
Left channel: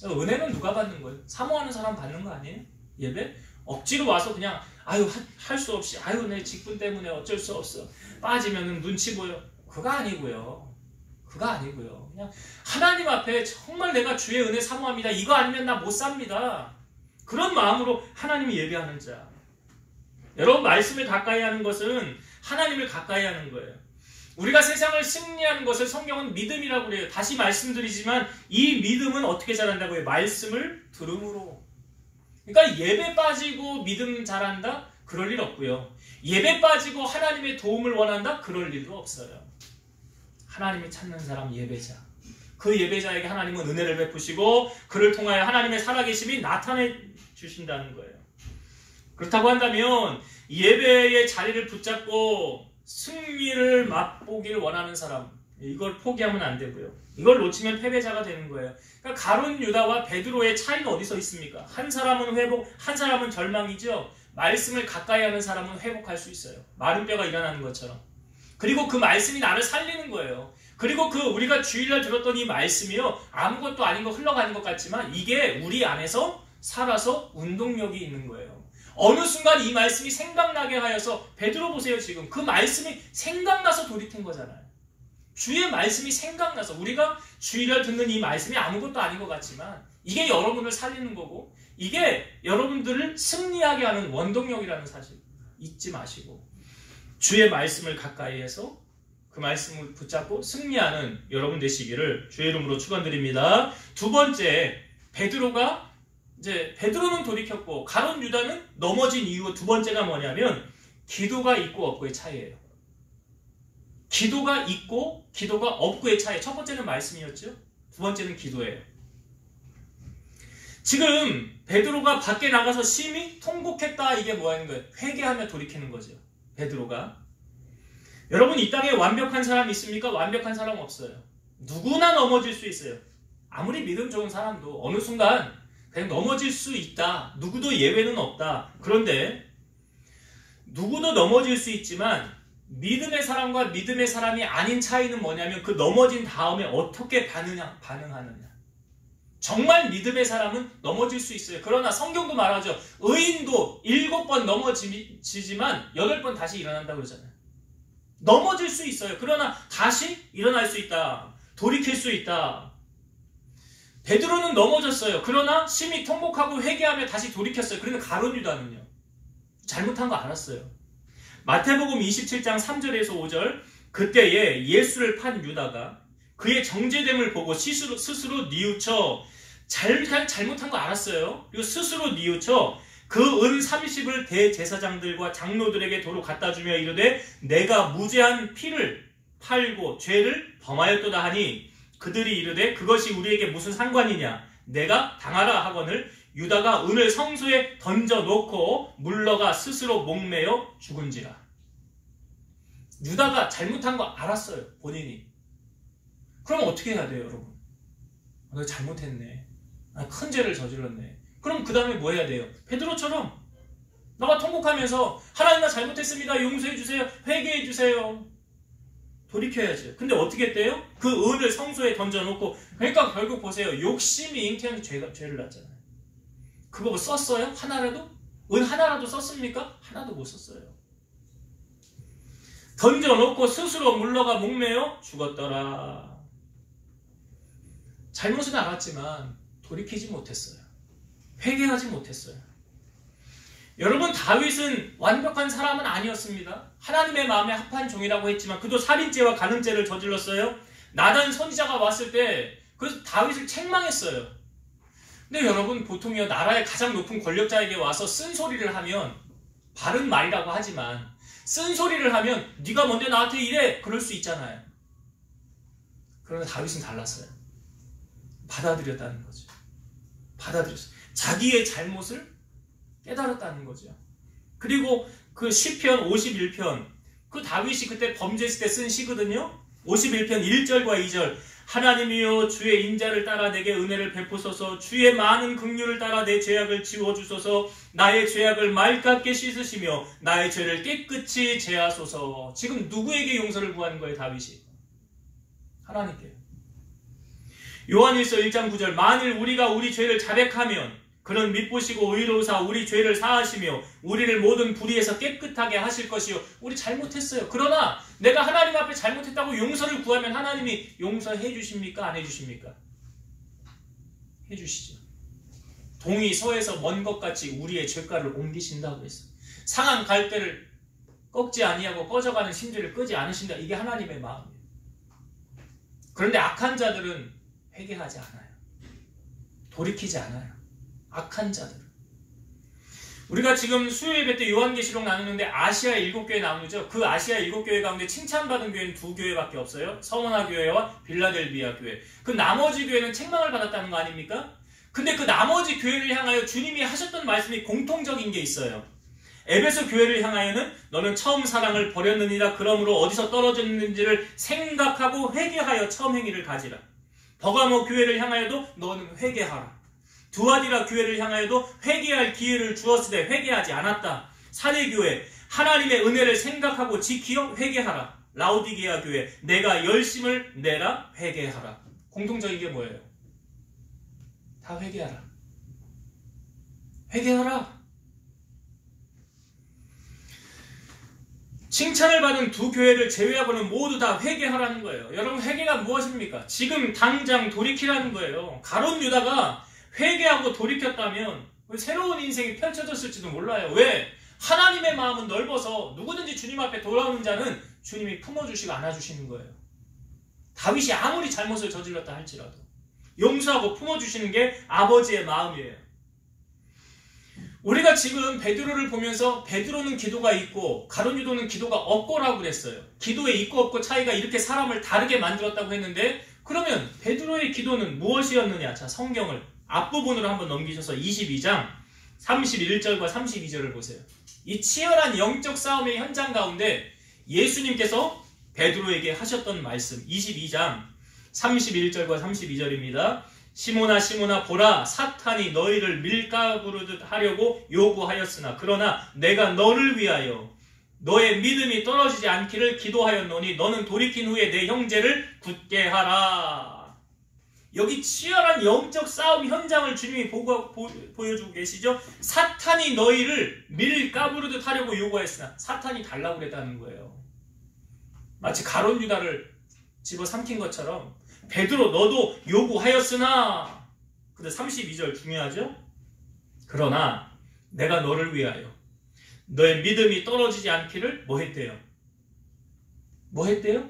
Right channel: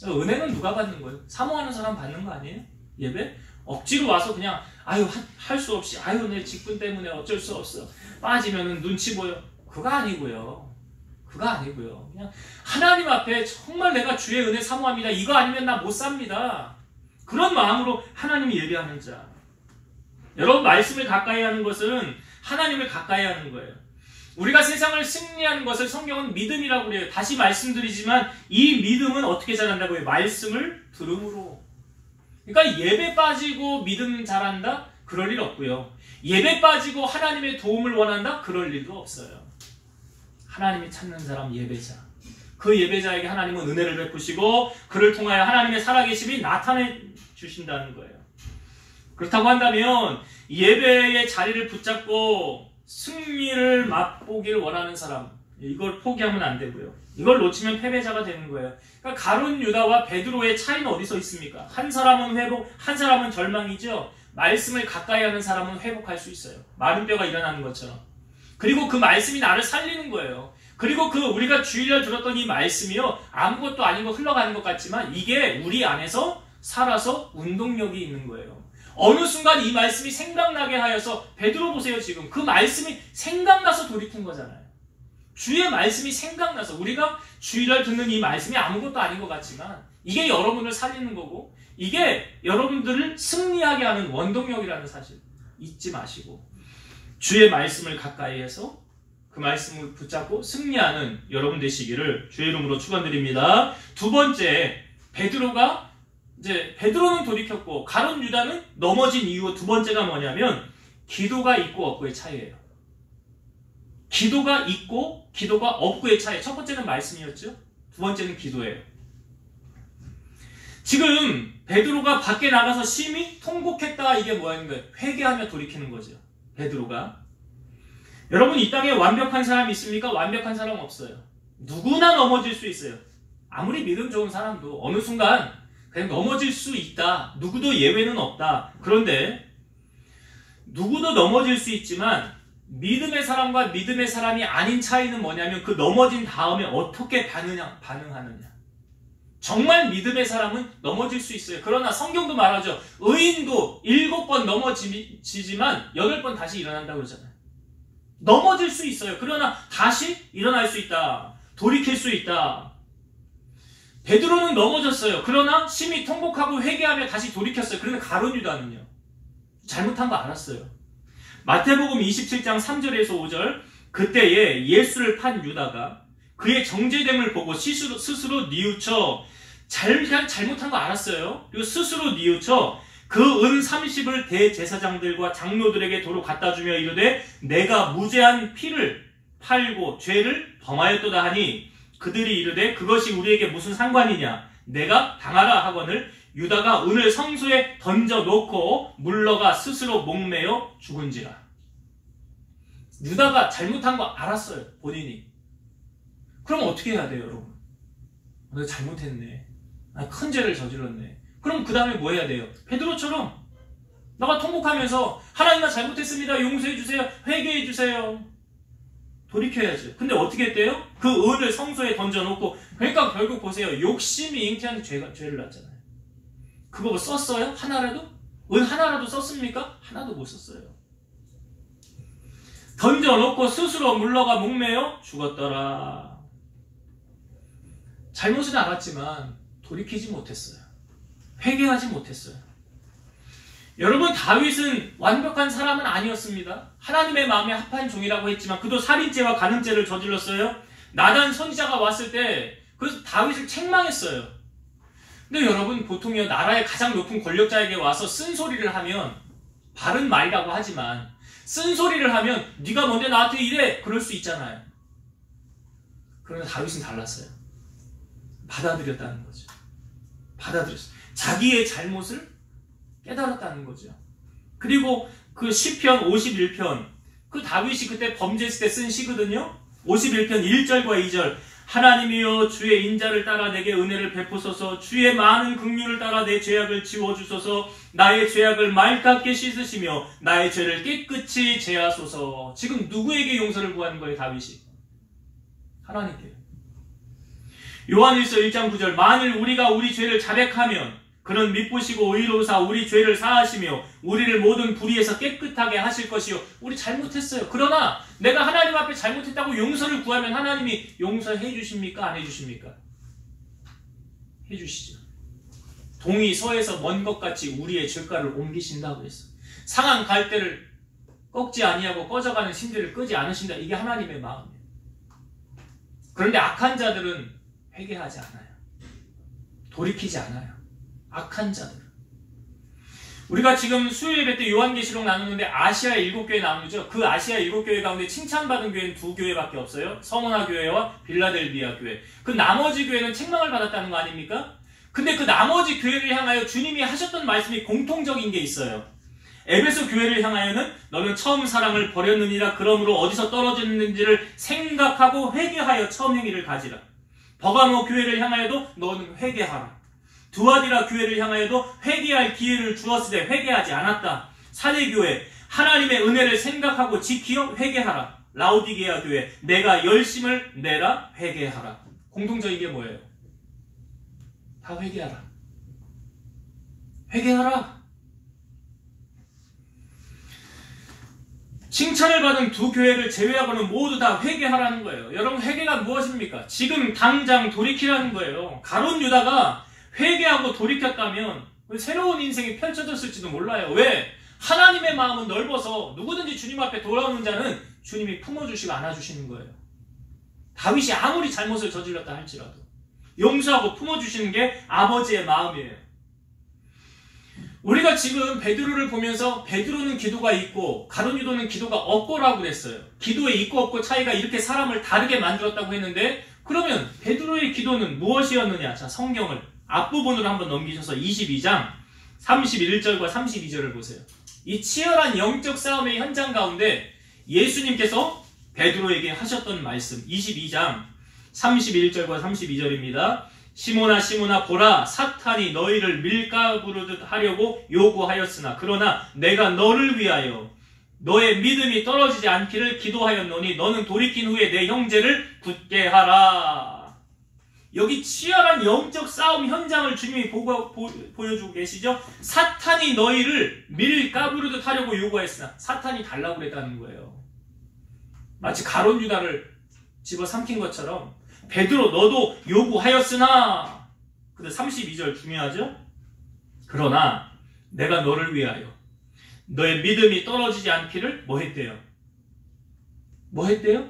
은혜는 누가 받는 거예요? 사모하는 사람 받는 거 아니에요? 예배? 억지로 와서 그냥 할 수 없이 내 직분 때문에 어쩔 수 없어 빠지면은 눈치 보여. 그거 아니고요. 그냥 하나님 앞에 정말 내가 주의 은혜 사모합니다. 이거 아니면 나 못 삽니다. 그런 마음으로 하나님이 예배하는 자. 여러분, 말씀을 가까이 하는 것은 하나님을 가까이 하는 거예요. 우리가 세상을 승리하는 것을 성경은 믿음이라고 그래요. 다시 말씀드리지만 이 믿음은 어떻게 자란다고 해요? 말씀을 들음으로. 그러니까 예배 빠지고 믿음 잘한다? 그럴 일 없고요. 예배 빠지고 하나님의 도움을 원한다? 그럴 일도 없어요. 하나님이 찾는 사람 예배자. 그 예배자에게 하나님은 은혜를 베푸시고 그를 통하여 하나님의 살아계심이 나타내 주신다는 거예요. 그렇다고 한다면 예배의 자리를 붙잡고 승리를 맛보길 원하는 사람, 이걸 포기하면 안 되고요. 이걸 놓치면 패배자가 되는 거예요. 그러니까 가룟 유다와 베드로의 차이는 어디서 있습니까? 한 사람은 회복, 한 사람은 절망이죠. 말씀을 가까이 하는 사람은 회복할 수 있어요. 마른 뼈가 일어나는 것처럼. 그리고 그 말씀이 나를 살리는 거예요. 그리고 우리가 주일날 들었던 이 말씀이요, 아무것도 아닌 거 흘러가는 것 같지만 이게 우리 안에서 살아서 운동력이 있는 거예요. 어느 순간 이 말씀이 생각나게 하여서, 베드로 보세요. 지금 그 말씀이 생각나서 돌이킨 거잖아요. 주의 말씀이 생각나서, 우리가 주일날 듣는 이 말씀이 아무것도 아닌 것 같지만 이게 여러분을 살리는 거고 이게 여러분들을 승리하게 하는 원동력이라는 사실 잊지 마시고, 주의 말씀을 가까이 해서 그 말씀을 붙잡고 승리하는 여러분 되시기를 주의 이름으로 축원드립니다. 두 번째, 베드로는 돌이켰고 가룟 유다는 넘어진 이유 두 번째가 뭐냐면 기도가 있고 없고의 차이예요. 기도가 있고 기도가 없고의 차이. 첫 번째는 말씀이었죠. 두 번째는 기도예요. 지금 베드로가 밖에 나가서 심히 통곡했다, 이게 뭐하는 거예요? 회개하며 돌이키는 거죠. 베드로가. 여러분, 이 땅에 완벽한 사람이 있습니까? 완벽한 사람 없어요. 누구나 넘어질 수 있어요. 아무리 믿음 좋은 사람도 어느 순간 그냥 넘어질 수 있다. 누구도 예외는 없다. 그런데 누구도 넘어질 수 있지만 믿음의 사람과 믿음의 사람이 아닌 차이는 뭐냐면 그 넘어진 다음에 어떻게 반응하느냐. 정말 믿음의 사람은 넘어질 수 있어요. 그러나 성경도 말하죠. 의인도 7번 넘어지지만 8번 다시 일어난다고 그러잖아요. 넘어질 수 있어요. 그러나 다시 일어날 수 있다. 돌이킬 수 있다. 베드로는 넘어졌어요. 그러나 심히 통곡하고 회개하며 다시 돌이켰어요. 그러나 가룟 유다는요, 잘못한 거 알았어요. 마태복음 27장 3절에서 5절, 그때에 예수를 판 유다가 그의 정죄됨을 보고 스스로 뉘우쳐, 잘못한 거 알았어요. 그리고 스스로 뉘우쳐 그 은 30을 대제사장들과 장로들에게 도로 갖다 주며 이르되 내가 무죄한 피를 팔고 죄를 범하였도다 하니 그들이 이르되 그것이 우리에게 무슨 상관이냐, 내가 당하라 하거늘 유다가 은을 성소에 던져놓고 물러가 스스로 목매어 죽은지라. 유다가 잘못한 거 알았어요. 본인이. 그럼 어떻게 해야 돼요, 여러분? 내가 잘못했네. 큰 죄를 저질렀네. 그럼 그 다음에 뭐 해야 돼요? 베드로처럼 나가 통곡하면서 하나님 나 잘못했습니다. 용서해 주세요. 회개해 주세요. 돌이켜야죠. 근데 어떻게 했대요? 그 은을 성소에 던져놓고, 그러니까 결국 보세요. 욕심이 잉태한 죄를 낳잖아요. 그거 뭐 썼어요? 하나라도? 은 하나라도 썼습니까? 하나도 못 썼어요. 던져놓고 스스로 물러가 목매어 죽었더라. 잘못은 알았지만 돌이키지 못했어요. 회개하지 못했어요. 여러분, 다윗은 완벽한 사람은 아니었습니다. 하나님의 마음에 합한 종이라고 했지만 그도 살인죄와 간음죄를 저질렀어요. 나단 선지자가 왔을 때 그래서 다윗을 책망했어요. 근데 여러분, 보통요, 나라의 가장 높은 권력자에게 와서 쓴소리를 하면, 바른 말이라고 하지만 쓴소리를 하면 네가 뭔데 나한테 이래, 그럴 수 있잖아요. 그러나 다윗은 달랐어요. 받아들였다는 거죠. 받아들였어요. 자기의 잘못을 깨달았다는 거죠. 그리고 그 시편 51편, 그 다윗이 그때 범죄했을 때 쓴 시거든요. 51편 1절과 2절. 하나님이여 주의 인자를 따라 내게 은혜를 베푸소서. 주의 많은 긍휼을 따라 내 죄악을 지워주소서. 나의 죄악을 맑게 씻으시며 나의 죄를 깨끗이 제하소서. 지금 누구에게 용서를 구하는 거예요, 다윗이? 하나님께요. 요한일서 1장 9절. 만일 우리가 우리 죄를 자백하면 그는 미쁘시고 의로우사 우리 죄를 사하시며 우리를 모든 불의에서 깨끗하게 하실 것이요. 우리 잘못했어요. 그러나 내가 하나님 앞에 잘못했다고 용서를 구하면 하나님이 용서해 주십니까? 안 해 주십니까? 해 주시죠. 동이 서에서 먼 것 같이 우리의 죄가를 옮기신다고 했어. 상한 갈대를 꺾지 아니하고 꺼져가는 심지를 끄지 않으신다. 이게 하나님의 마음이에요. 그런데 악한 자들은 회개하지 않아요. 돌이키지 않아요. 악한 자들. 우리가 지금 수요일 예배 때 요한계시록 나누는데 아시아 7교회 나누죠. 그 아시아 7교회 가운데 칭찬받은 교회는 2교회밖에 없어요. 서머나 교회와 빌라델비아 교회. 그 나머지 교회는 책망을 받았다는 거 아닙니까? 근데 그 나머지 교회를 향하여 주님이 하셨던 말씀이 공통적인 게 있어요. 에베소 교회를 향하여는 너는 처음 사랑을 버렸느니라. 그러므로 어디서 떨어졌는지를 생각하고 회개하여 처음 행위를 가지라. 버가모 교회를 향하여도 너는 회개하라. 두아디라 교회를 향하여도 회개할 기회를 주었으되 회개하지 않았다. 사대교회 하나님의 은혜를 생각하고 지키어 회개하라. 라오디게아 교회 내가 열심을 내라 회개하라. 공통적인 게 뭐예요? 다 회개하라. 회개하라. 칭찬을 받은 두 교회를 제외하고는 모두 다 회개하라는 거예요. 여러분 회개가 무엇입니까? 지금 당장 돌이키라는 거예요. 가룟 유다가 회개하고 돌이켰다면 새로운 인생이 펼쳐졌을지도 몰라요. 왜? 하나님의 마음은 넓어서 누구든지 주님 앞에 돌아오는 자는 주님이 품어주시고 안아주시는 거예요. 다윗이 아무리 잘못을 저질렀다 할지라도 용서하고 품어주시는 게 아버지의 마음이에요. 우리가 지금 베드로를 보면서 베드로는 기도가 있고 가룟 유다는 기도가 없고라고 그랬어요. 기도에 있고 없고 차이가 이렇게 사람을 다르게 만들었다고 했는데 그러면 베드로의 기도는 무엇이었느냐? 자, 성경을 앞부분으로 한번 넘기셔서 22장 31절과 32절을 보세요. 이 치열한 영적 싸움의 현장 가운데 예수님께서 베드로에게 하셨던 말씀 22장 31절과 32절입니다. 시몬아 시몬아 보라 사탄이 너희를 밀가부르듯 하려고 요구하였으나 그러나 내가 너를 위하여 너의 믿음이 떨어지지 않기를 기도하였노니 너는 돌이킨 후에 내 형제를 굳게 하라. 여기 치열한 영적 싸움 현장을 주님이 보여주고 계시죠. 사탄이 너희를 밀가부르듯 하려고 요구했으나 사탄이 달라고 그랬다는 거예요. 마치 가룟 유다를 집어삼킨 것처럼 베드로 너도 요구하였으나 근데 32절 중요하죠. 그러나 내가 너를 위하여 너의 믿음이 떨어지지 않기를 뭐 했대요? 뭐 했대요?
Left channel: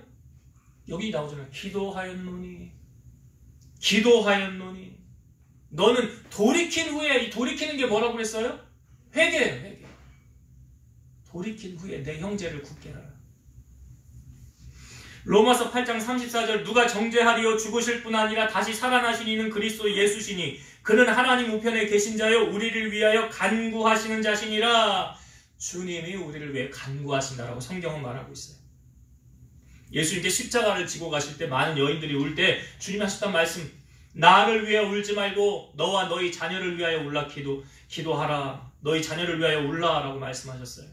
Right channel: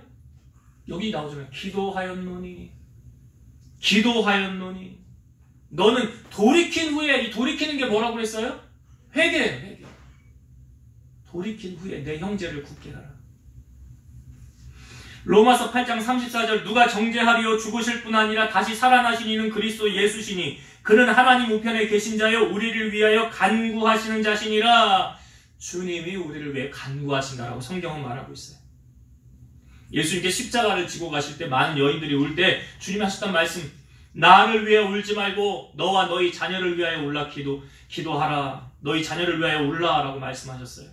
여기 나오잖아요. 기도하였노니 기도하였노니 너는 돌이킨 후에 이 돌이키는 게 뭐라고 그랬어요? 회개 돌이킨 후에 내 형제를 굳게 하라. 로마서 8장 34절 누가 정죄하리요 죽으실 뿐 아니라 다시 살아나신 이는 그리스도 예수시니 그는 하나님 우편에 계신 자요 우리를 위하여 간구하시는 자시니라. 주님이 우리를 위해 간구하신다라고 성경은 말하고 있어요. 예수님께 십자가를 지고 가실 때 많은 여인들이 울 때 주님이 하셨던 말씀 나를 위해 울지 말고 너와 너희 자녀를 위하여 울라 기도하라. 너희 자녀를 위하여 울라라고 말씀하셨어요.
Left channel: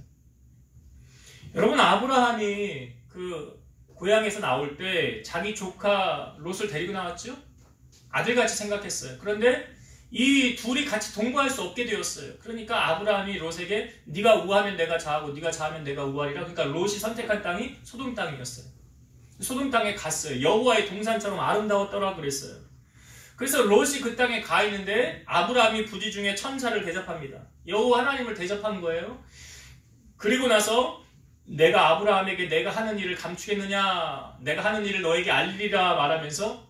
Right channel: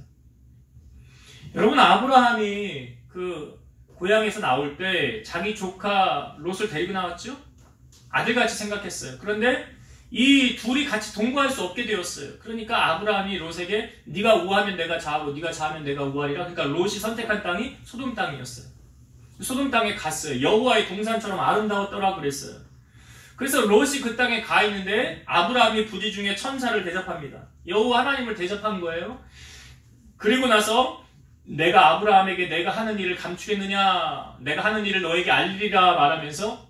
여러분 아브라함이 그 고향에서 나올 때 자기 조카 롯을 데리고 나왔죠? 아들같이 생각했어요. 그런데 이 둘이 같이 동거할 수 없게 되었어요. 그러니까 아브라함이 롯에게 네가 우하면 내가 자하고 네가 자하면 내가 우하리라. 그러니까 롯이 선택한 땅이 소돔 땅이었어요. 소돔 땅에 갔어요. 여호와의 동산처럼 아름다웠더라 그랬어요. 그래서 롯이 그 땅에 가 있는데 아브라함이 부지 중에 천사를 대접합니다. 여호와 하나님을 대접한 거예요. 그리고 나서 내가 아브라함에게 내가 하는 일을 감추겠느냐 내가 하는 일을 너에게 알리리라 말하면서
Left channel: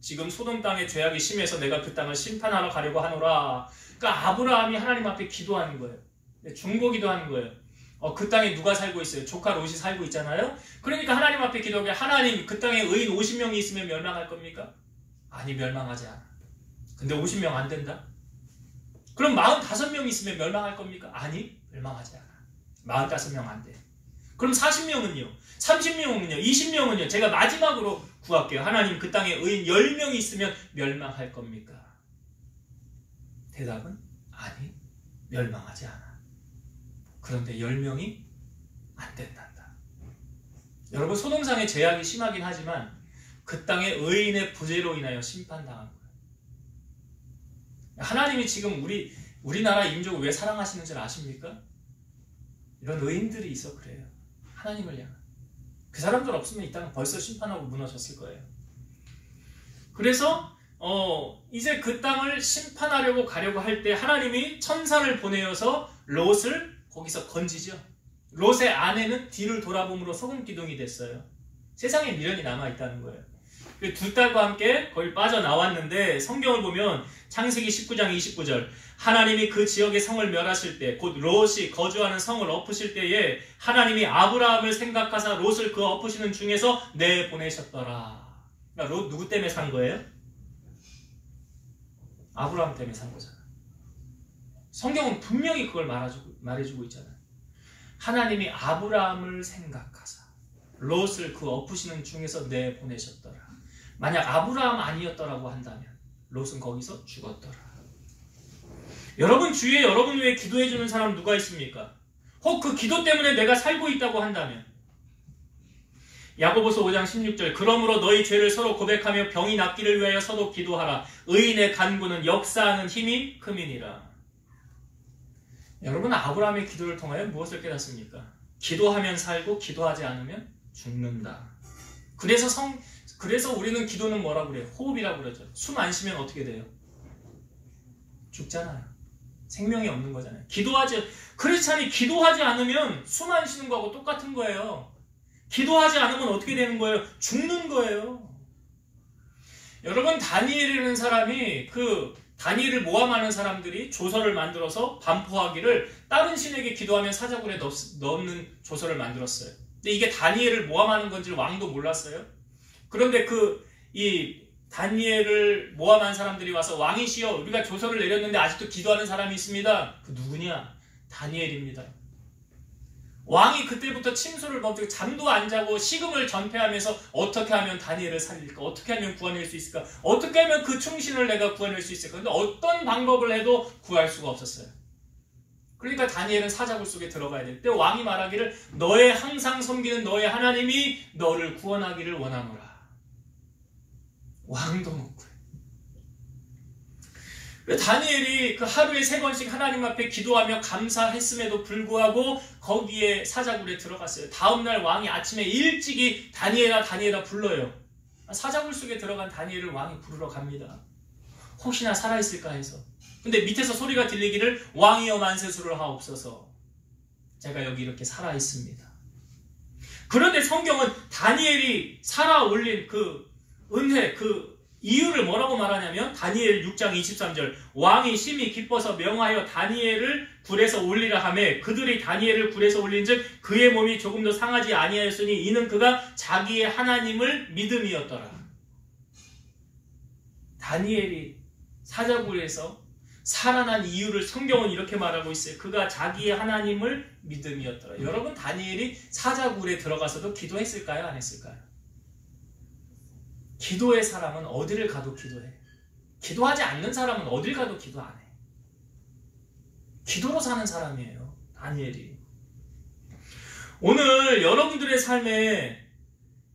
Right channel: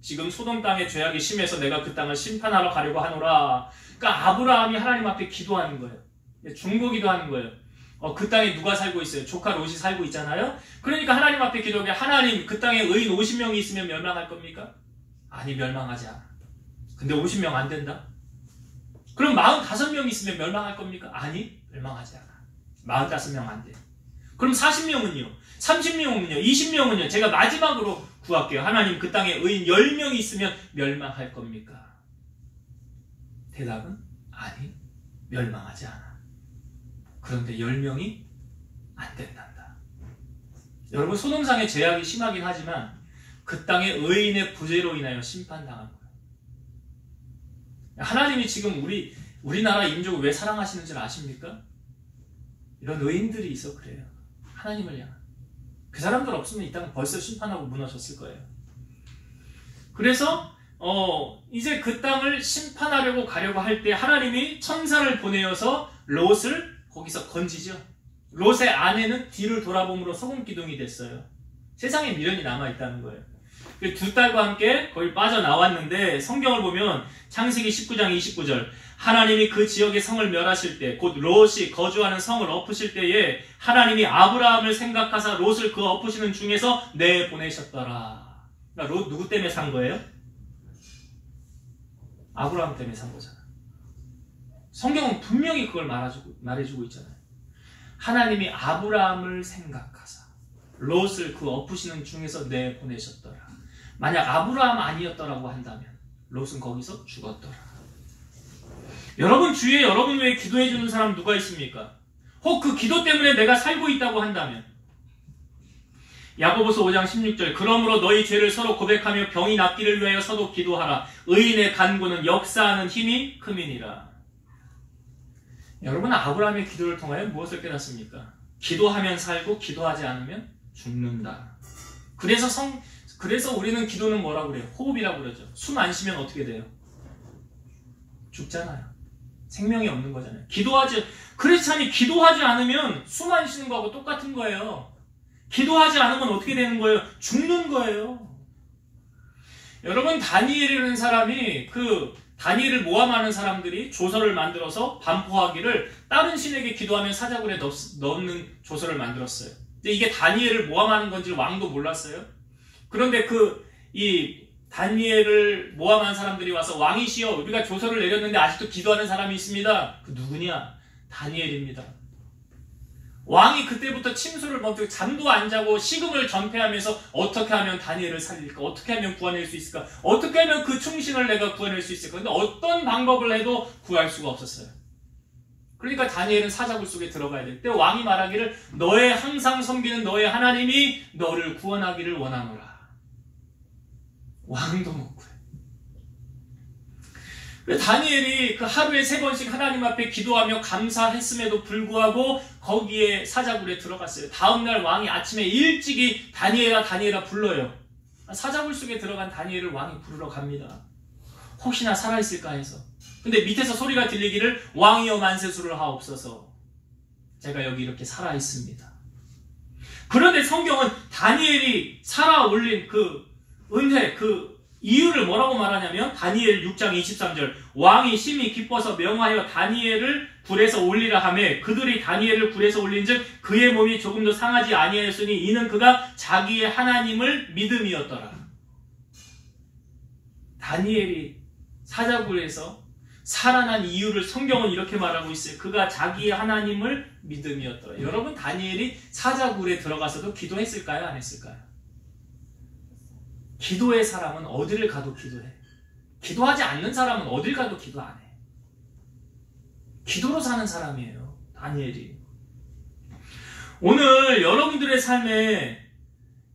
지금 소돔 땅의 죄악이 심해서 내가 그 땅을 심판하러 가려고 하노라. 그러니까 아브라함이 하나님 앞에 기도하는 거예요. 중보기도 하는 거예요. 그 땅에 누가 살고 있어요? 조카 롯이 살고 있잖아요. 그러니까 하나님 앞에 기도하게 하나님 그 땅에 의인 50명이 있으면 멸망할 겁니까? 아니 멸망하지 않아. 근데 50명 안 된다? 그럼 45명 있으면 멸망할 겁니까? 아니 멸망하지 않아. 45명 안 돼. 그럼 40명은요? 30명은요? 20명은요? 제가 마지막으로 구할게요. 하나님 그 땅에 의인 10명이 있으면 멸망할 겁니까? 대답은 아니 멸망하지 않아. 그런데 10명이 안 된단다. 여러분 소돔상의 죄악이 심하긴 하지만 그 땅의 의인의 부재로 인하여 심판당한 거예요. 하나님이 지금 우리나라 인족을 왜 사랑하시는 줄 아십니까? 이런 의인들이 있어 그래요. 하나님을 향한. 그 사람들 없으면 이 땅은 벌써 심판하고 무너졌을 거예요. 그래서 이제 그 땅을 심판하려고 가려고 할 때 하나님이 천사를 보내어서 롯을 거기서 건지죠. 롯의 아내는 뒤를 돌아봄으로 소금 기둥이 됐어요. 세상에 미련이 남아있다는 거예요. 두 딸과 함께 거기 빠져나왔는데 성경을 보면 창세기 19장 29절 하나님이 그 지역의 성을 멸하실 때 곧 롯이 거주하는 성을 엎으실 때에 하나님이 아브라함을 생각하사 롯을 그 엎으시는 중에서 내보내셨더라. 그러니까 롯 누구 때문에 산 거예요? 아브라함 때문에 산 거잖아. 성경은 분명히 그걸 말해주고 있잖아요. 하나님이 아브라함을 생각하사 롯을 그 엎으시는 중에서 내보내셨더라. 만약 아브라함 아니었더라고 한다면 롯은 거기서 죽었더라. 여러분 주위에 여러분 외에 기도해 주는 사람 누가 있습니까? 혹 그 기도 때문에 내가 살고 있다고 한다면 야고보서 5장 16절 그러므로 너희 죄를 서로 고백하며 병이 낫기를 위하여 서로 기도하라. 의인의 간구는 역사하는 힘이 큼이니라. 여러분 아브라함의 기도를 통하여 무엇을 깨닫습니까? 기도하면 살고 기도하지 않으면 죽는다. 그래서 우리는 기도는 뭐라고 그래요? 호흡이라고 그러죠. 숨 안 쉬면 어떻게 돼요? 죽잖아요. 생명이 없는 거잖아요. 크리스찬이 기도하지 않으면 숨 안 쉬는 거하고 똑같은 거예요. 기도하지 않으면 어떻게 되는 거예요? 죽는 거예요. 여러분 다니엘이라는 사람이 다니엘을 모함하는 사람들이 조서를 만들어서 반포하기를 다른 신에게 기도하면 사자굴에 넣는 조서를 만들었어요. 근데 이게 다니엘을 모함하는 건지를 왕도 몰랐어요. 그런데 이 다니엘을 모함한 사람들이 와서 왕이시여 우리가 조서를 내렸는데 아직도 기도하는 사람이 있습니다. 그 누구냐? 다니엘입니다. 왕이 그때부터 침소를 멈추고 잠도 안 자고 식음을 전폐하면서 어떻게 하면 다니엘을 살릴까? 어떻게 하면 구해낼 수 있을까? 어떻게 하면 그 충신을 내가 구해낼 수 있을까? 근데 어떤 방법을 해도 구할 수가 없었어요. 그러니까 다니엘은 사자굴 속에 들어가야 될 때 왕이 말하기를 너의 항상 섬기는 너의 하나님이 너를 구원하기를 원하노라. 왕도 못 구해. 다니엘이 그 하루에 3번씩 하나님 앞에 기도하며 감사했음에도 불구하고 거기에 사자굴에 들어갔어요. 다음날 왕이 아침에 일찍이 다니엘아 불러요. 사자굴 속에 들어간 다니엘을 왕이 부르러 갑니다. 혹시나 살아있을까 해서. 근데 밑에서 소리가 들리기를 왕이여 만세수를 하옵소서. 제가 여기 이렇게 살아있습니다. 그런데 성경은 다니엘이 살아 올린 그 은혜, 그 이유를 뭐라고 말하냐면 다니엘 6장 23절 왕이 심히 기뻐서 명하여 다니엘을 굴에서 올리라 하매 그들이 다니엘을 굴에서 올린즉 그의 몸이 조금도 상하지 아니하였으니 이는 그가 자기의 하나님을 믿음이었더라. 다니엘이 사자굴에서 살아난 이유를 성경은 이렇게 말하고 있어요. 그가 자기의 하나님을 믿음이었더라. 여러분 다니엘이 사자굴에 들어가서도 기도했을까요? 안 했을까요? 기도의 사람은 어디를 가도 기도해. 기도하지 않는 사람은 어딜 가도 기도 안 해. 기도로 사는 사람이에요. 다니엘이. 오늘 여러분들의 삶에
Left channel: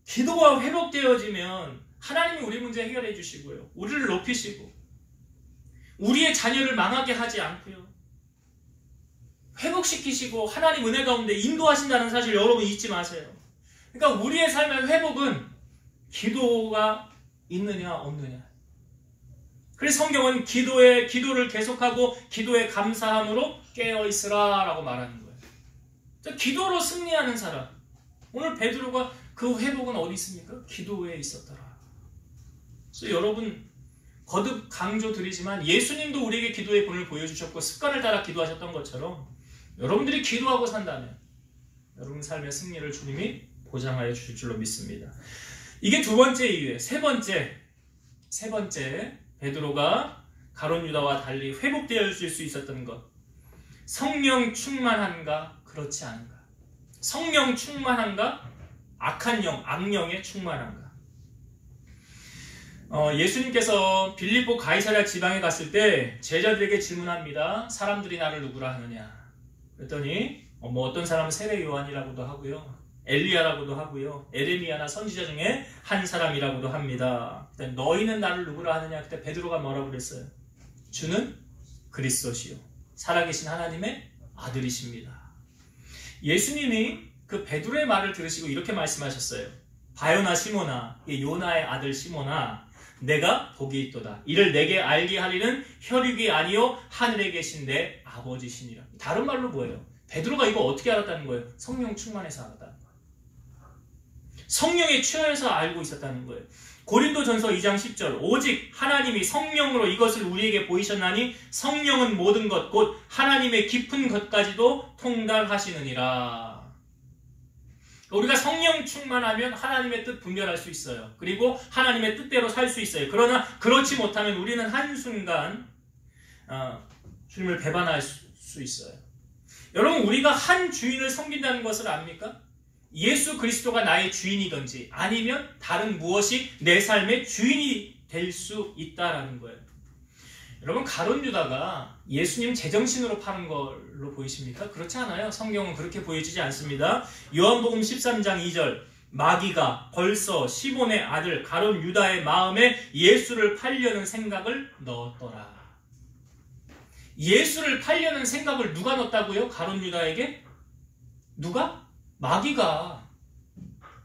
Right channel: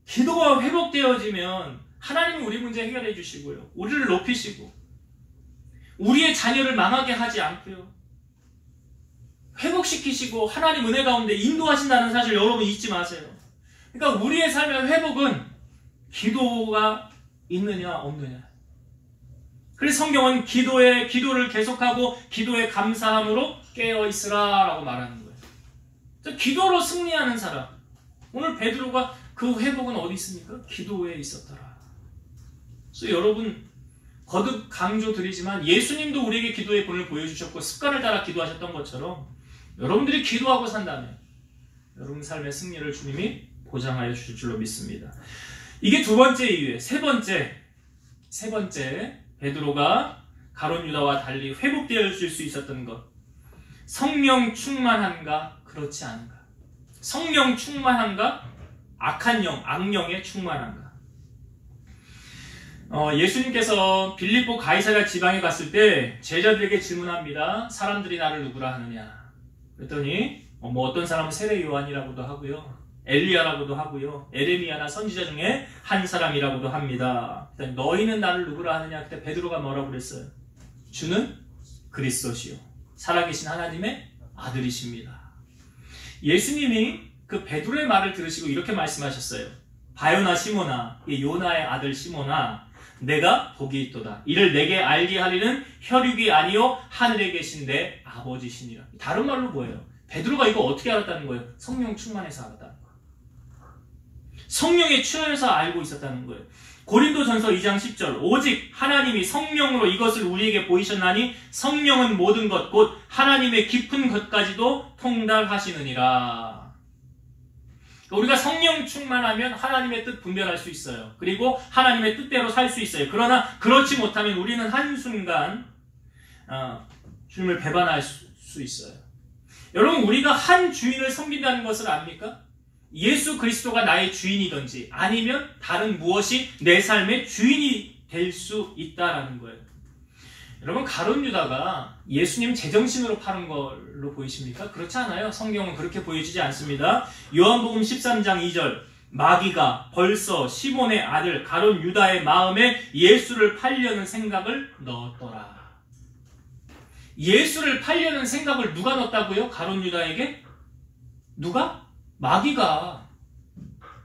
기도가 회복되어지면 하나님이 우리 문제 해결해 주시고요. 우리를 높이시고 우리의 자녀를 망하게 하지 않고요. 회복시키시고 하나님 은혜 가운데 인도하신다는 사실 여러분 잊지 마세요. 그러니까 우리의 삶의 회복은 기도가 있느냐 없느냐. 그래서 성경은 기도를 계속하고 기도에 감사함으로 깨어있으라 라고 말하는 거예요. 기도로 승리하는 사람. 오늘 베드로가 그 회복은 어디 있습니까? 기도에 있었더라. 그래서 여러분 거듭 강조드리지만 예수님도 우리에게 기도의 본을 보여주셨고 습관을 따라 기도하셨던 것처럼 여러분들이 기도하고 산다면 여러분 삶의 승리를 주님이 보장하여 주실 줄로 믿습니다. 이게 두 번째 이유예요. 세 번째 베드로가 가룟 유다와 달리 회복되어질 수 있었던 것. 성령 충만한가 그렇지 않은가. 성령 충만한가 악령에 충만한가. 예수님께서 빌립보 가이사랴 지방에 갔을 때 제자들에게 질문합니다. 사람들이 나를 누구라 하느냐. 그랬더니 어떤 사람은 세례 요한이라고도 하고요. 엘리야라고도 하고요. 에레미야나 선지자 중에 한 사람이라고도 합니다. 너희는 나를 누구라 하느냐. 그때 베드로가 뭐라고 그랬어요? 주는 그리스도시요 살아계신 하나님의 아들이십니다. 예수님이 그 베드로의 말을 들으시고 이렇게 말씀하셨어요. 바요나 시모나, 이 요나의 아들 시모나, 내가 복이 있도다. 이를 내게 알게 하리는 혈육이 아니요 하늘에 계신 내 아버지시니라. 다른 말로 뭐예요? 베드로가 이거 어떻게 알았다는 거예요? 성령 충만해서 알았다는 거예요. 성령에 충만해서 알고 있었다는 거예요. 고린도전서 2장 10절 오직 하나님이 성령으로 이것을 우리에게 보이셨나니 성령은 모든 것 곧 하나님의 깊은 것까지도 통달하시느니라. 우리가 성령 충만하면 하나님의 뜻 분별할 수 있어요. 그리고 하나님의 뜻대로 살 수 있어요. 그러나 그렇지 못하면 우리는 한순간 주님을 배반할 수 있어요. 여러분, 우리가 한 주인을 섬긴다는 것을 압니까? 예수 그리스도가 나의 주인이든지 아니면 다른 무엇이 내 삶의 주인이 될 수 있다라는 거예요. 여러분, 가룟 유다가 예수님 제정신으로 파는 걸로 보이십니까? 그렇지 않아요. 성경은 그렇게 보여지지 않습니다. 요한복음 13장 2절 마귀가 벌써 시몬의 아들 가룟 유다의 마음에 예수를 팔려는 생각을 넣었더라. 예수를 팔려는 생각을 누가 넣었다고요? 가룟 유다에게? 누가? 마귀가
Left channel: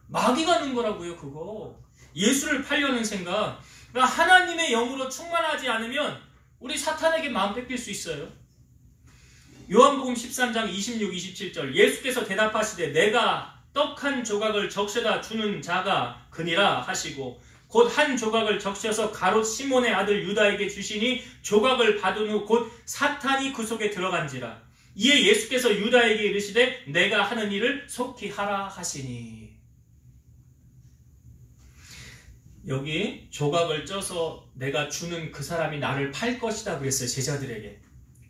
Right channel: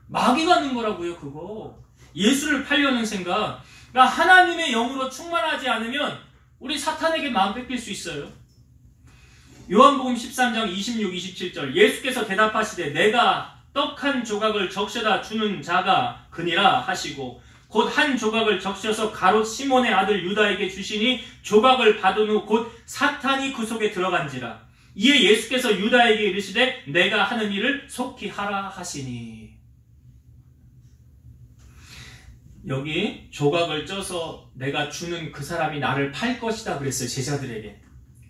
넣은 거라고요. 그거 예수를 팔려는 생각. 그러니까 하나님의 영으로 충만하지 않으면 우리 사탄에게 마음 뺏길 수 있어요. 요한복음 13장 26, 27절 예수께서 대답하시되 내가 떡 한 조각을 적셔다 주는 자가 그니라 하시고 곧 한 조각을 적셔서 가롯 시몬의 아들 유다에게 주시니 조각을 받은 후 곧 사탄이 그 속에 들어간지라. 이에 예수께서 유다에게 이르시되 내가 하는 일을 속히 하라 하시니. 여기 조각을 쪄서 내가 주는 그 사람이 나를 팔 것이다 그랬어요. 제자들에게.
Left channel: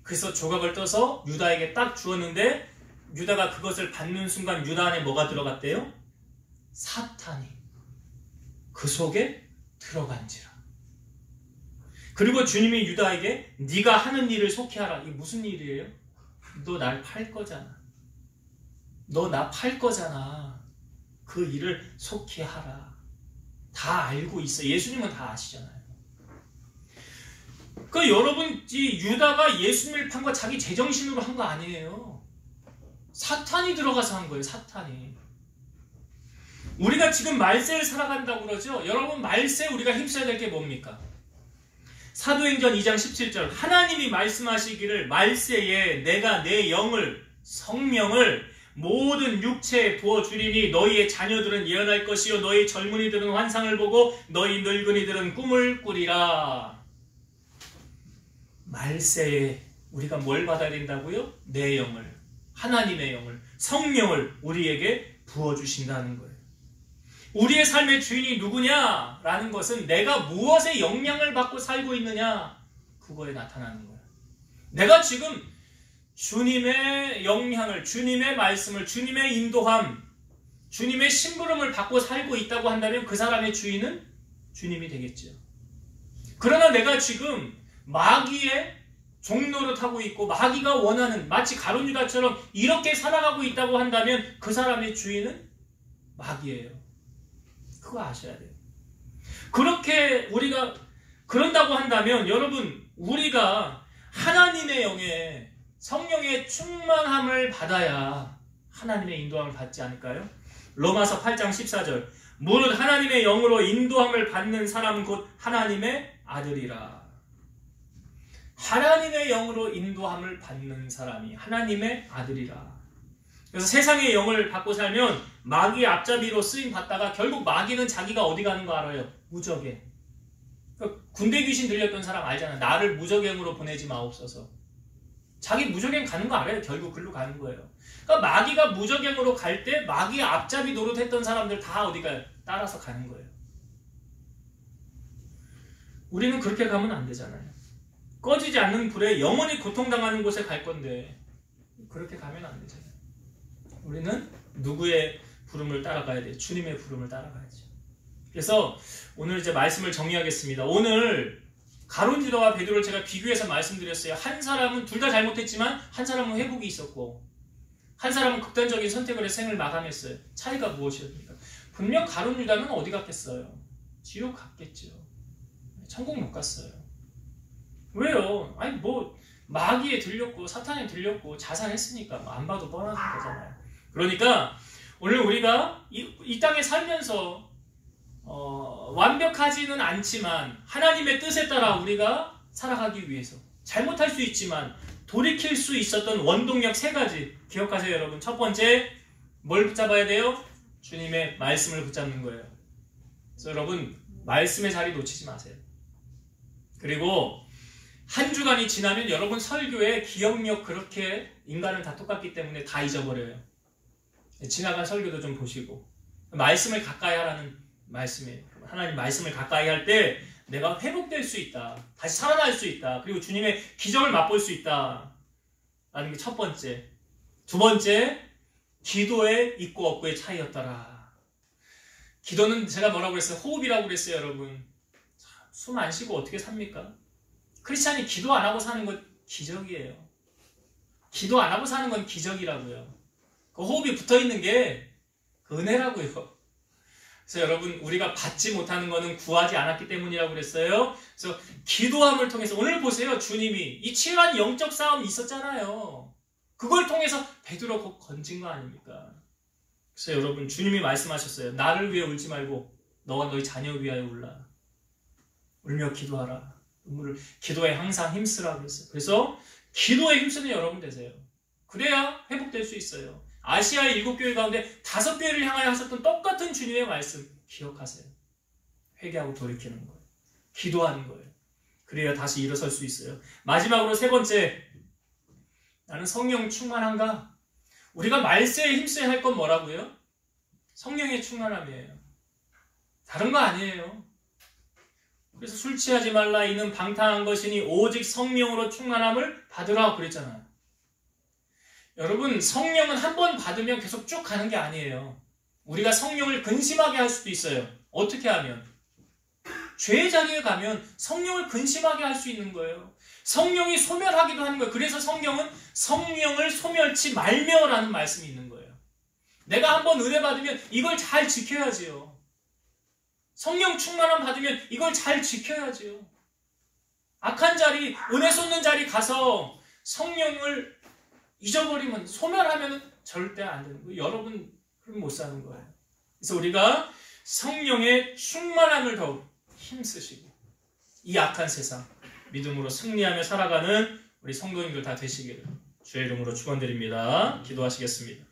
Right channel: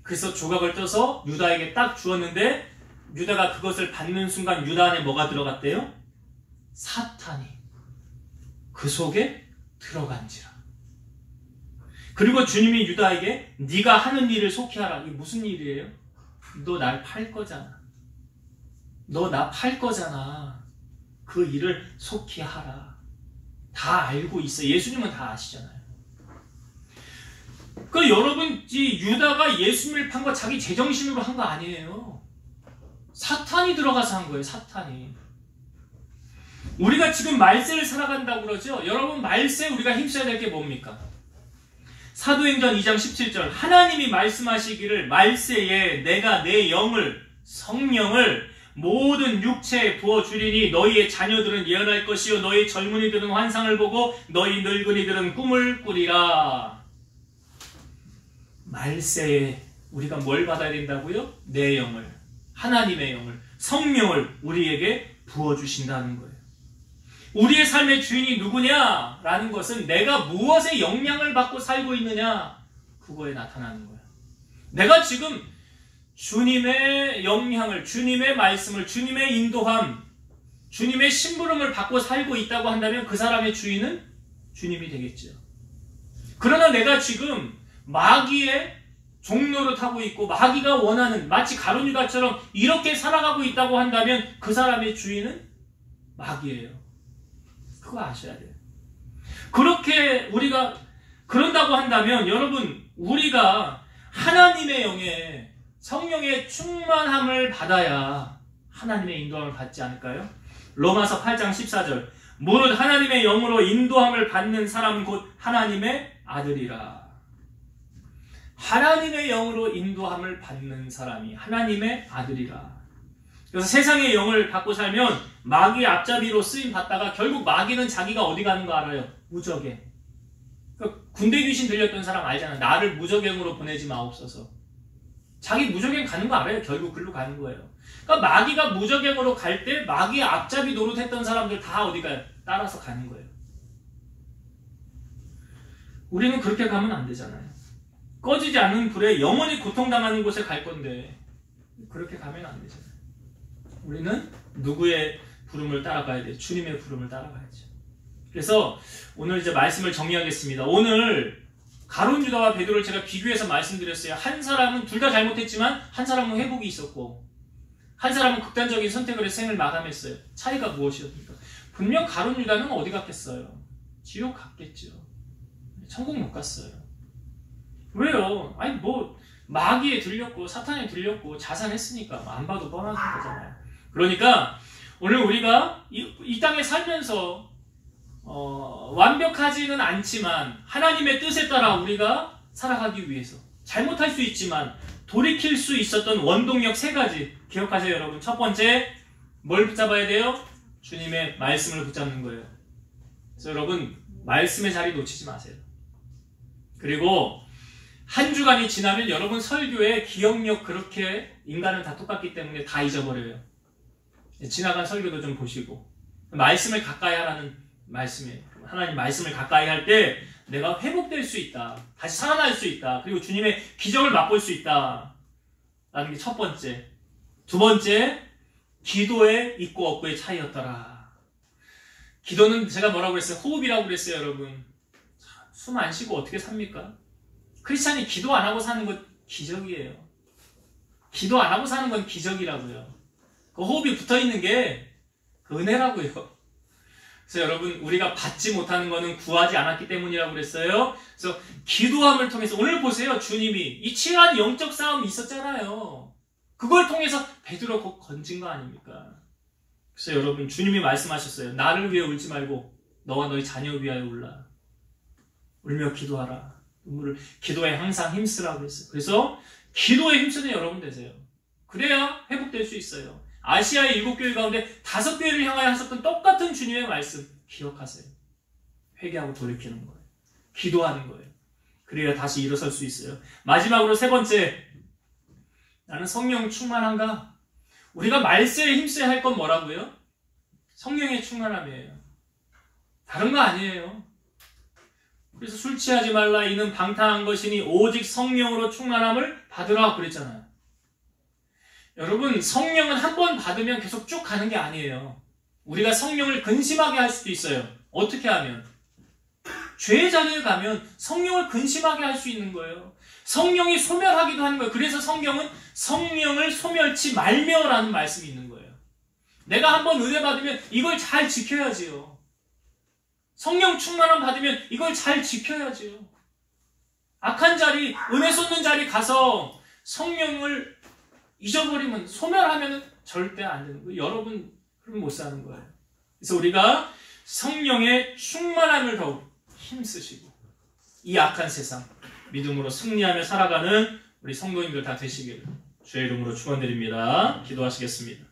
그래서 조각을 떠서 유다에게 딱 주었는데 유다가 그것을 받는 순간 유다 안에 뭐가 들어갔대요? 사탄이 그 속에 들어간지라. 그리고 주님이 유다에게 네가 하는 일을 속히 하라. 이게 무슨 일이에요? 너 날 팔 거잖아. 너 나 팔 거잖아. 그 일을 속히 하라. 다 알고 있어. 예수님은 다 아시잖아요. 그 여러분, 이 유다가 예수님을 판 거 자기 제정신으로 한 거 아니에요. 사탄이 들어가서 한 거예요. 사탄이. 우리가 지금 말세를 살아간다고 그러죠. 여러분, 말세 우리가 힘써야 될 게 뭡니까? 사도행전 2장 17절 하나님이 말씀하시기를 말세에 내가 내 영을 성령을 모든 육체에 부어주리니 너희의 자녀들은 예언할 것이요 너희 젊은이들은 환상을 보고 너희 늙은이들은 꿈을 꾸리라. 말세에 우리가 뭘 받아야 된다고요? 내 영을, 하나님의 영을, 성령을 우리에게 부어주신다는 거예요. 우리의 삶의 주인이 누구냐라는 것은 내가 무엇에 영향을 받고 살고 있느냐, 그거에 나타나는 거예요. 내가 지금 주님의 영향을, 주님의 말씀을, 주님의 인도함, 주님의 심부름을 받고 살고 있다고 한다면 그 사람의 주인은 주님이 되겠죠. 그러나 내가 지금 마귀의 종노릇 하고 있고 마귀가 원하는 마치 가룟 유다처럼 이렇게 살아가고 있다고 한다면 그 사람의 주인은 마귀예요. 그거 아셔야 돼요. 그렇게 우리가 그런다고 한다면 여러분, 우리가 하나님의 영에 성령의 충만함을 받아야 하나님의 인도함을 받지 않을까요? 로마서 8장 14절 무릇 하나님의 영으로 인도함을 받는 사람은 곧 하나님의 아들이라. 하나님의 영으로 인도함을 받는 사람이 하나님의 아들이라. 그래서 세상의 영을 받고 살면 마귀의 앞잡이로 쓰임 받다가 결국 마귀는 자기가 어디 가는 거 알아요? 무적에. 그러니까 군대 귀신 들렸던 사람 알잖아요. 나를 무적행으로 보내지 마옵소서. 자기 무적행 가는 거 알아요. 결국 글로 가는 거예요. 그러니까 마귀가 무적행으로 갈 때 마귀의 앞잡이 노릇했던 사람들 다 어디 가요? 따라서 가는 거예요. 우리는 그렇게 가면 안 되잖아요. 꺼지지 않는 불에 영원히 고통당하는 곳에 갈 건데 그렇게 가면 안 되잖아요. 우리는 누구의 부름을 따라가야 돼요? 주님의 부름을 따라가야죠. 그래서 오늘 이제 말씀을 정리하겠습니다. 오늘 가룟 유다와 베드로를 제가 비교해서 말씀드렸어요. 한 사람은 둘 다 잘못했지만 한 사람은 회복이 있었고 한 사람은 극단적인 선택을 해서 생을 마감했어요. 차이가 무엇이었습니까? 분명 가룟 유다는 어디 갔겠어요? 지옥 갔겠죠. 천국 못 갔어요. 왜요? 아니 뭐 마귀에 들렸고 사탄에 들렸고 자살했으니까 안 봐도 뻔한 거잖아요. 그러니까 오늘 우리가 이 땅에 살면서 완벽하지는 않지만 하나님의 뜻에 따라 우리가 살아가기 위해서 잘못할 수 있지만 돌이킬 수 있었던 원동력 3가지 기억하세요 여러분. 첫 번째 뭘 붙잡아야 돼요? 주님의 말씀을 붙잡는 거예요. 그래서 여러분 말씀의 자리 놓치지 마세요. 그리고 한 주간이 지나면 여러분 설교의 기억력 그렇게 인간은 다 똑같기 때문에 다 잊어버려요. 지나간 설교도 좀 보시고 말씀을 가까이 하라는 말씀이에요. 하나님 말씀을 가까이 할 때 내가 회복될 수 있다. 다시 살아날 수 있다. 그리고 주님의 기적을 맛볼 수 있다. 라는 게 첫 번째. 두 번째, 기도의 있고 없고의 차이였더라. 기도는 제가 뭐라고 그랬어요? 호흡이라고 그랬어요, 여러분. 숨 안 쉬고 어떻게 삽니까? 크리스찬이 기도 안 하고 사는 건 기적이에요. 기도 안 하고 사는 건 기적이라고요. 그 호흡이 붙어 있는 게 은혜라고요. 그래서 여러분 우리가 받지 못하는 것은 구하지 않았기 때문이라고 그랬어요. 그래서 기도함을 통해서 오늘 보세요. 주님이 이 치열한 영적 싸움이 있었잖아요. 그걸 통해서 베드로 곧 건진 거 아닙니까? 그래서 여러분 주님이 말씀하셨어요. 나를 위해 울지 말고 너와 너희 자녀를 위하여 울라. 울며 기도하라. 눈물을 기도에 항상 힘쓰라고 했어요. 그래서 기도에 힘쓰는 여러분 되세요. 그래야 회복될 수 있어요. 아시아의 7교회 가운데 5교회를 향하여 하셨던 똑같은 주님의 말씀 기억하세요. 회개하고 돌이키는 거예요. 기도하는 거예요. 그래야 다시 일어설 수 있어요. 마지막으로 3번째, 나는 성령 충만한가? 우리가 말세에 힘써야 할 건 뭐라고요? 성령의 충만함이에요. 다른 거 아니에요. 그래서 술 취하지 말라 이는 방탕한 것이니 오직 성령으로 충만함을 받으라 그랬잖아요. 여러분 성령은 한 번 받으면 계속 쭉 가는 게 아니에요. 우리가 성령을 근심하게 할 수도 있어요. 어떻게 하면? 죄의 자리에 가면 성령을 근심하게 할 수 있는 거예요. 성령이 소멸하기도 하는 거예요. 그래서 성경은 성령을 소멸치 말며라는 말씀이 있는 거예요. 내가 한번 은혜 받으면 이걸 잘 지켜야지요. 성령 충만함 받으면 이걸 잘 지켜야지요. 악한 자리, 은혜 쏟는 자리 가서 성령을 잊어버리면, 소멸하면 절대 안 되는 거예요. 여러분, 그럼 못 사는 거예요. 그래서 우리가 성령의 충만함을 더욱 힘쓰시고 이 악한 세상 믿음으로 승리하며 살아가는 우리 성도님들 다 되시기를 주의 이름으로 축원드립니다. 기도하시겠습니다.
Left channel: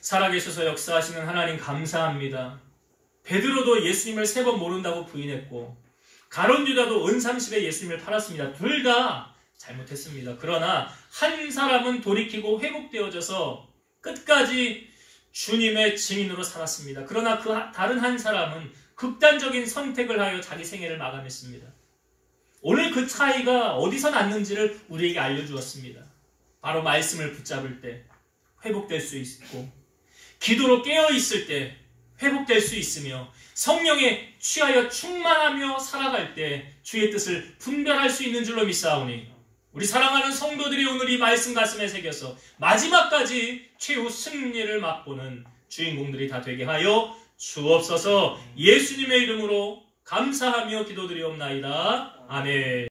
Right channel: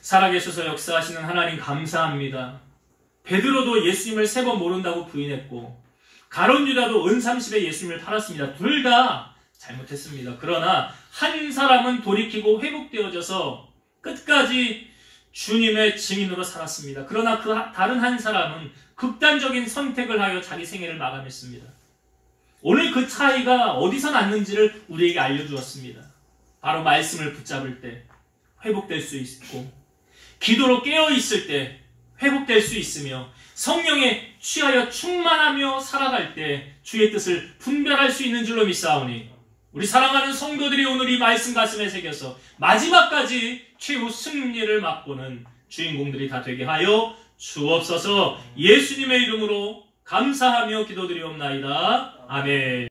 살아계셔서 역사하시는 하나님 감사합니다. 베드로도 예수님을 3번 모른다고 부인했고 가룟 유다도 은 30에 예수님을 팔았습니다. 둘 다 잘못했습니다. 그러나 한 사람은 돌이키고 회복되어져서 끝까지 주님의 증인으로 살았습니다. 그러나 그 다른 한 사람은 극단적인 선택을 하여 자기 생애를 마감했습니다. 오늘 그 차이가 어디서 났는지를 우리에게 알려주었습니다. 바로 말씀을 붙잡을 때 회복될 수 있고 기도로 깨어있을 때 회복될 수 있으며 성령에 취하여 충만하며 살아갈 때 주의 뜻을 분별할 수 있는 줄로 믿사오니 우리 사랑하는 성도들이 오늘 이 말씀 가슴에 새겨서 마지막까지 최후 승리를 맛보는 주인공들이 다 되게 하여 주옵소서. 예수님의 이름으로 감사하며 기도드리옵나이다. 아멘.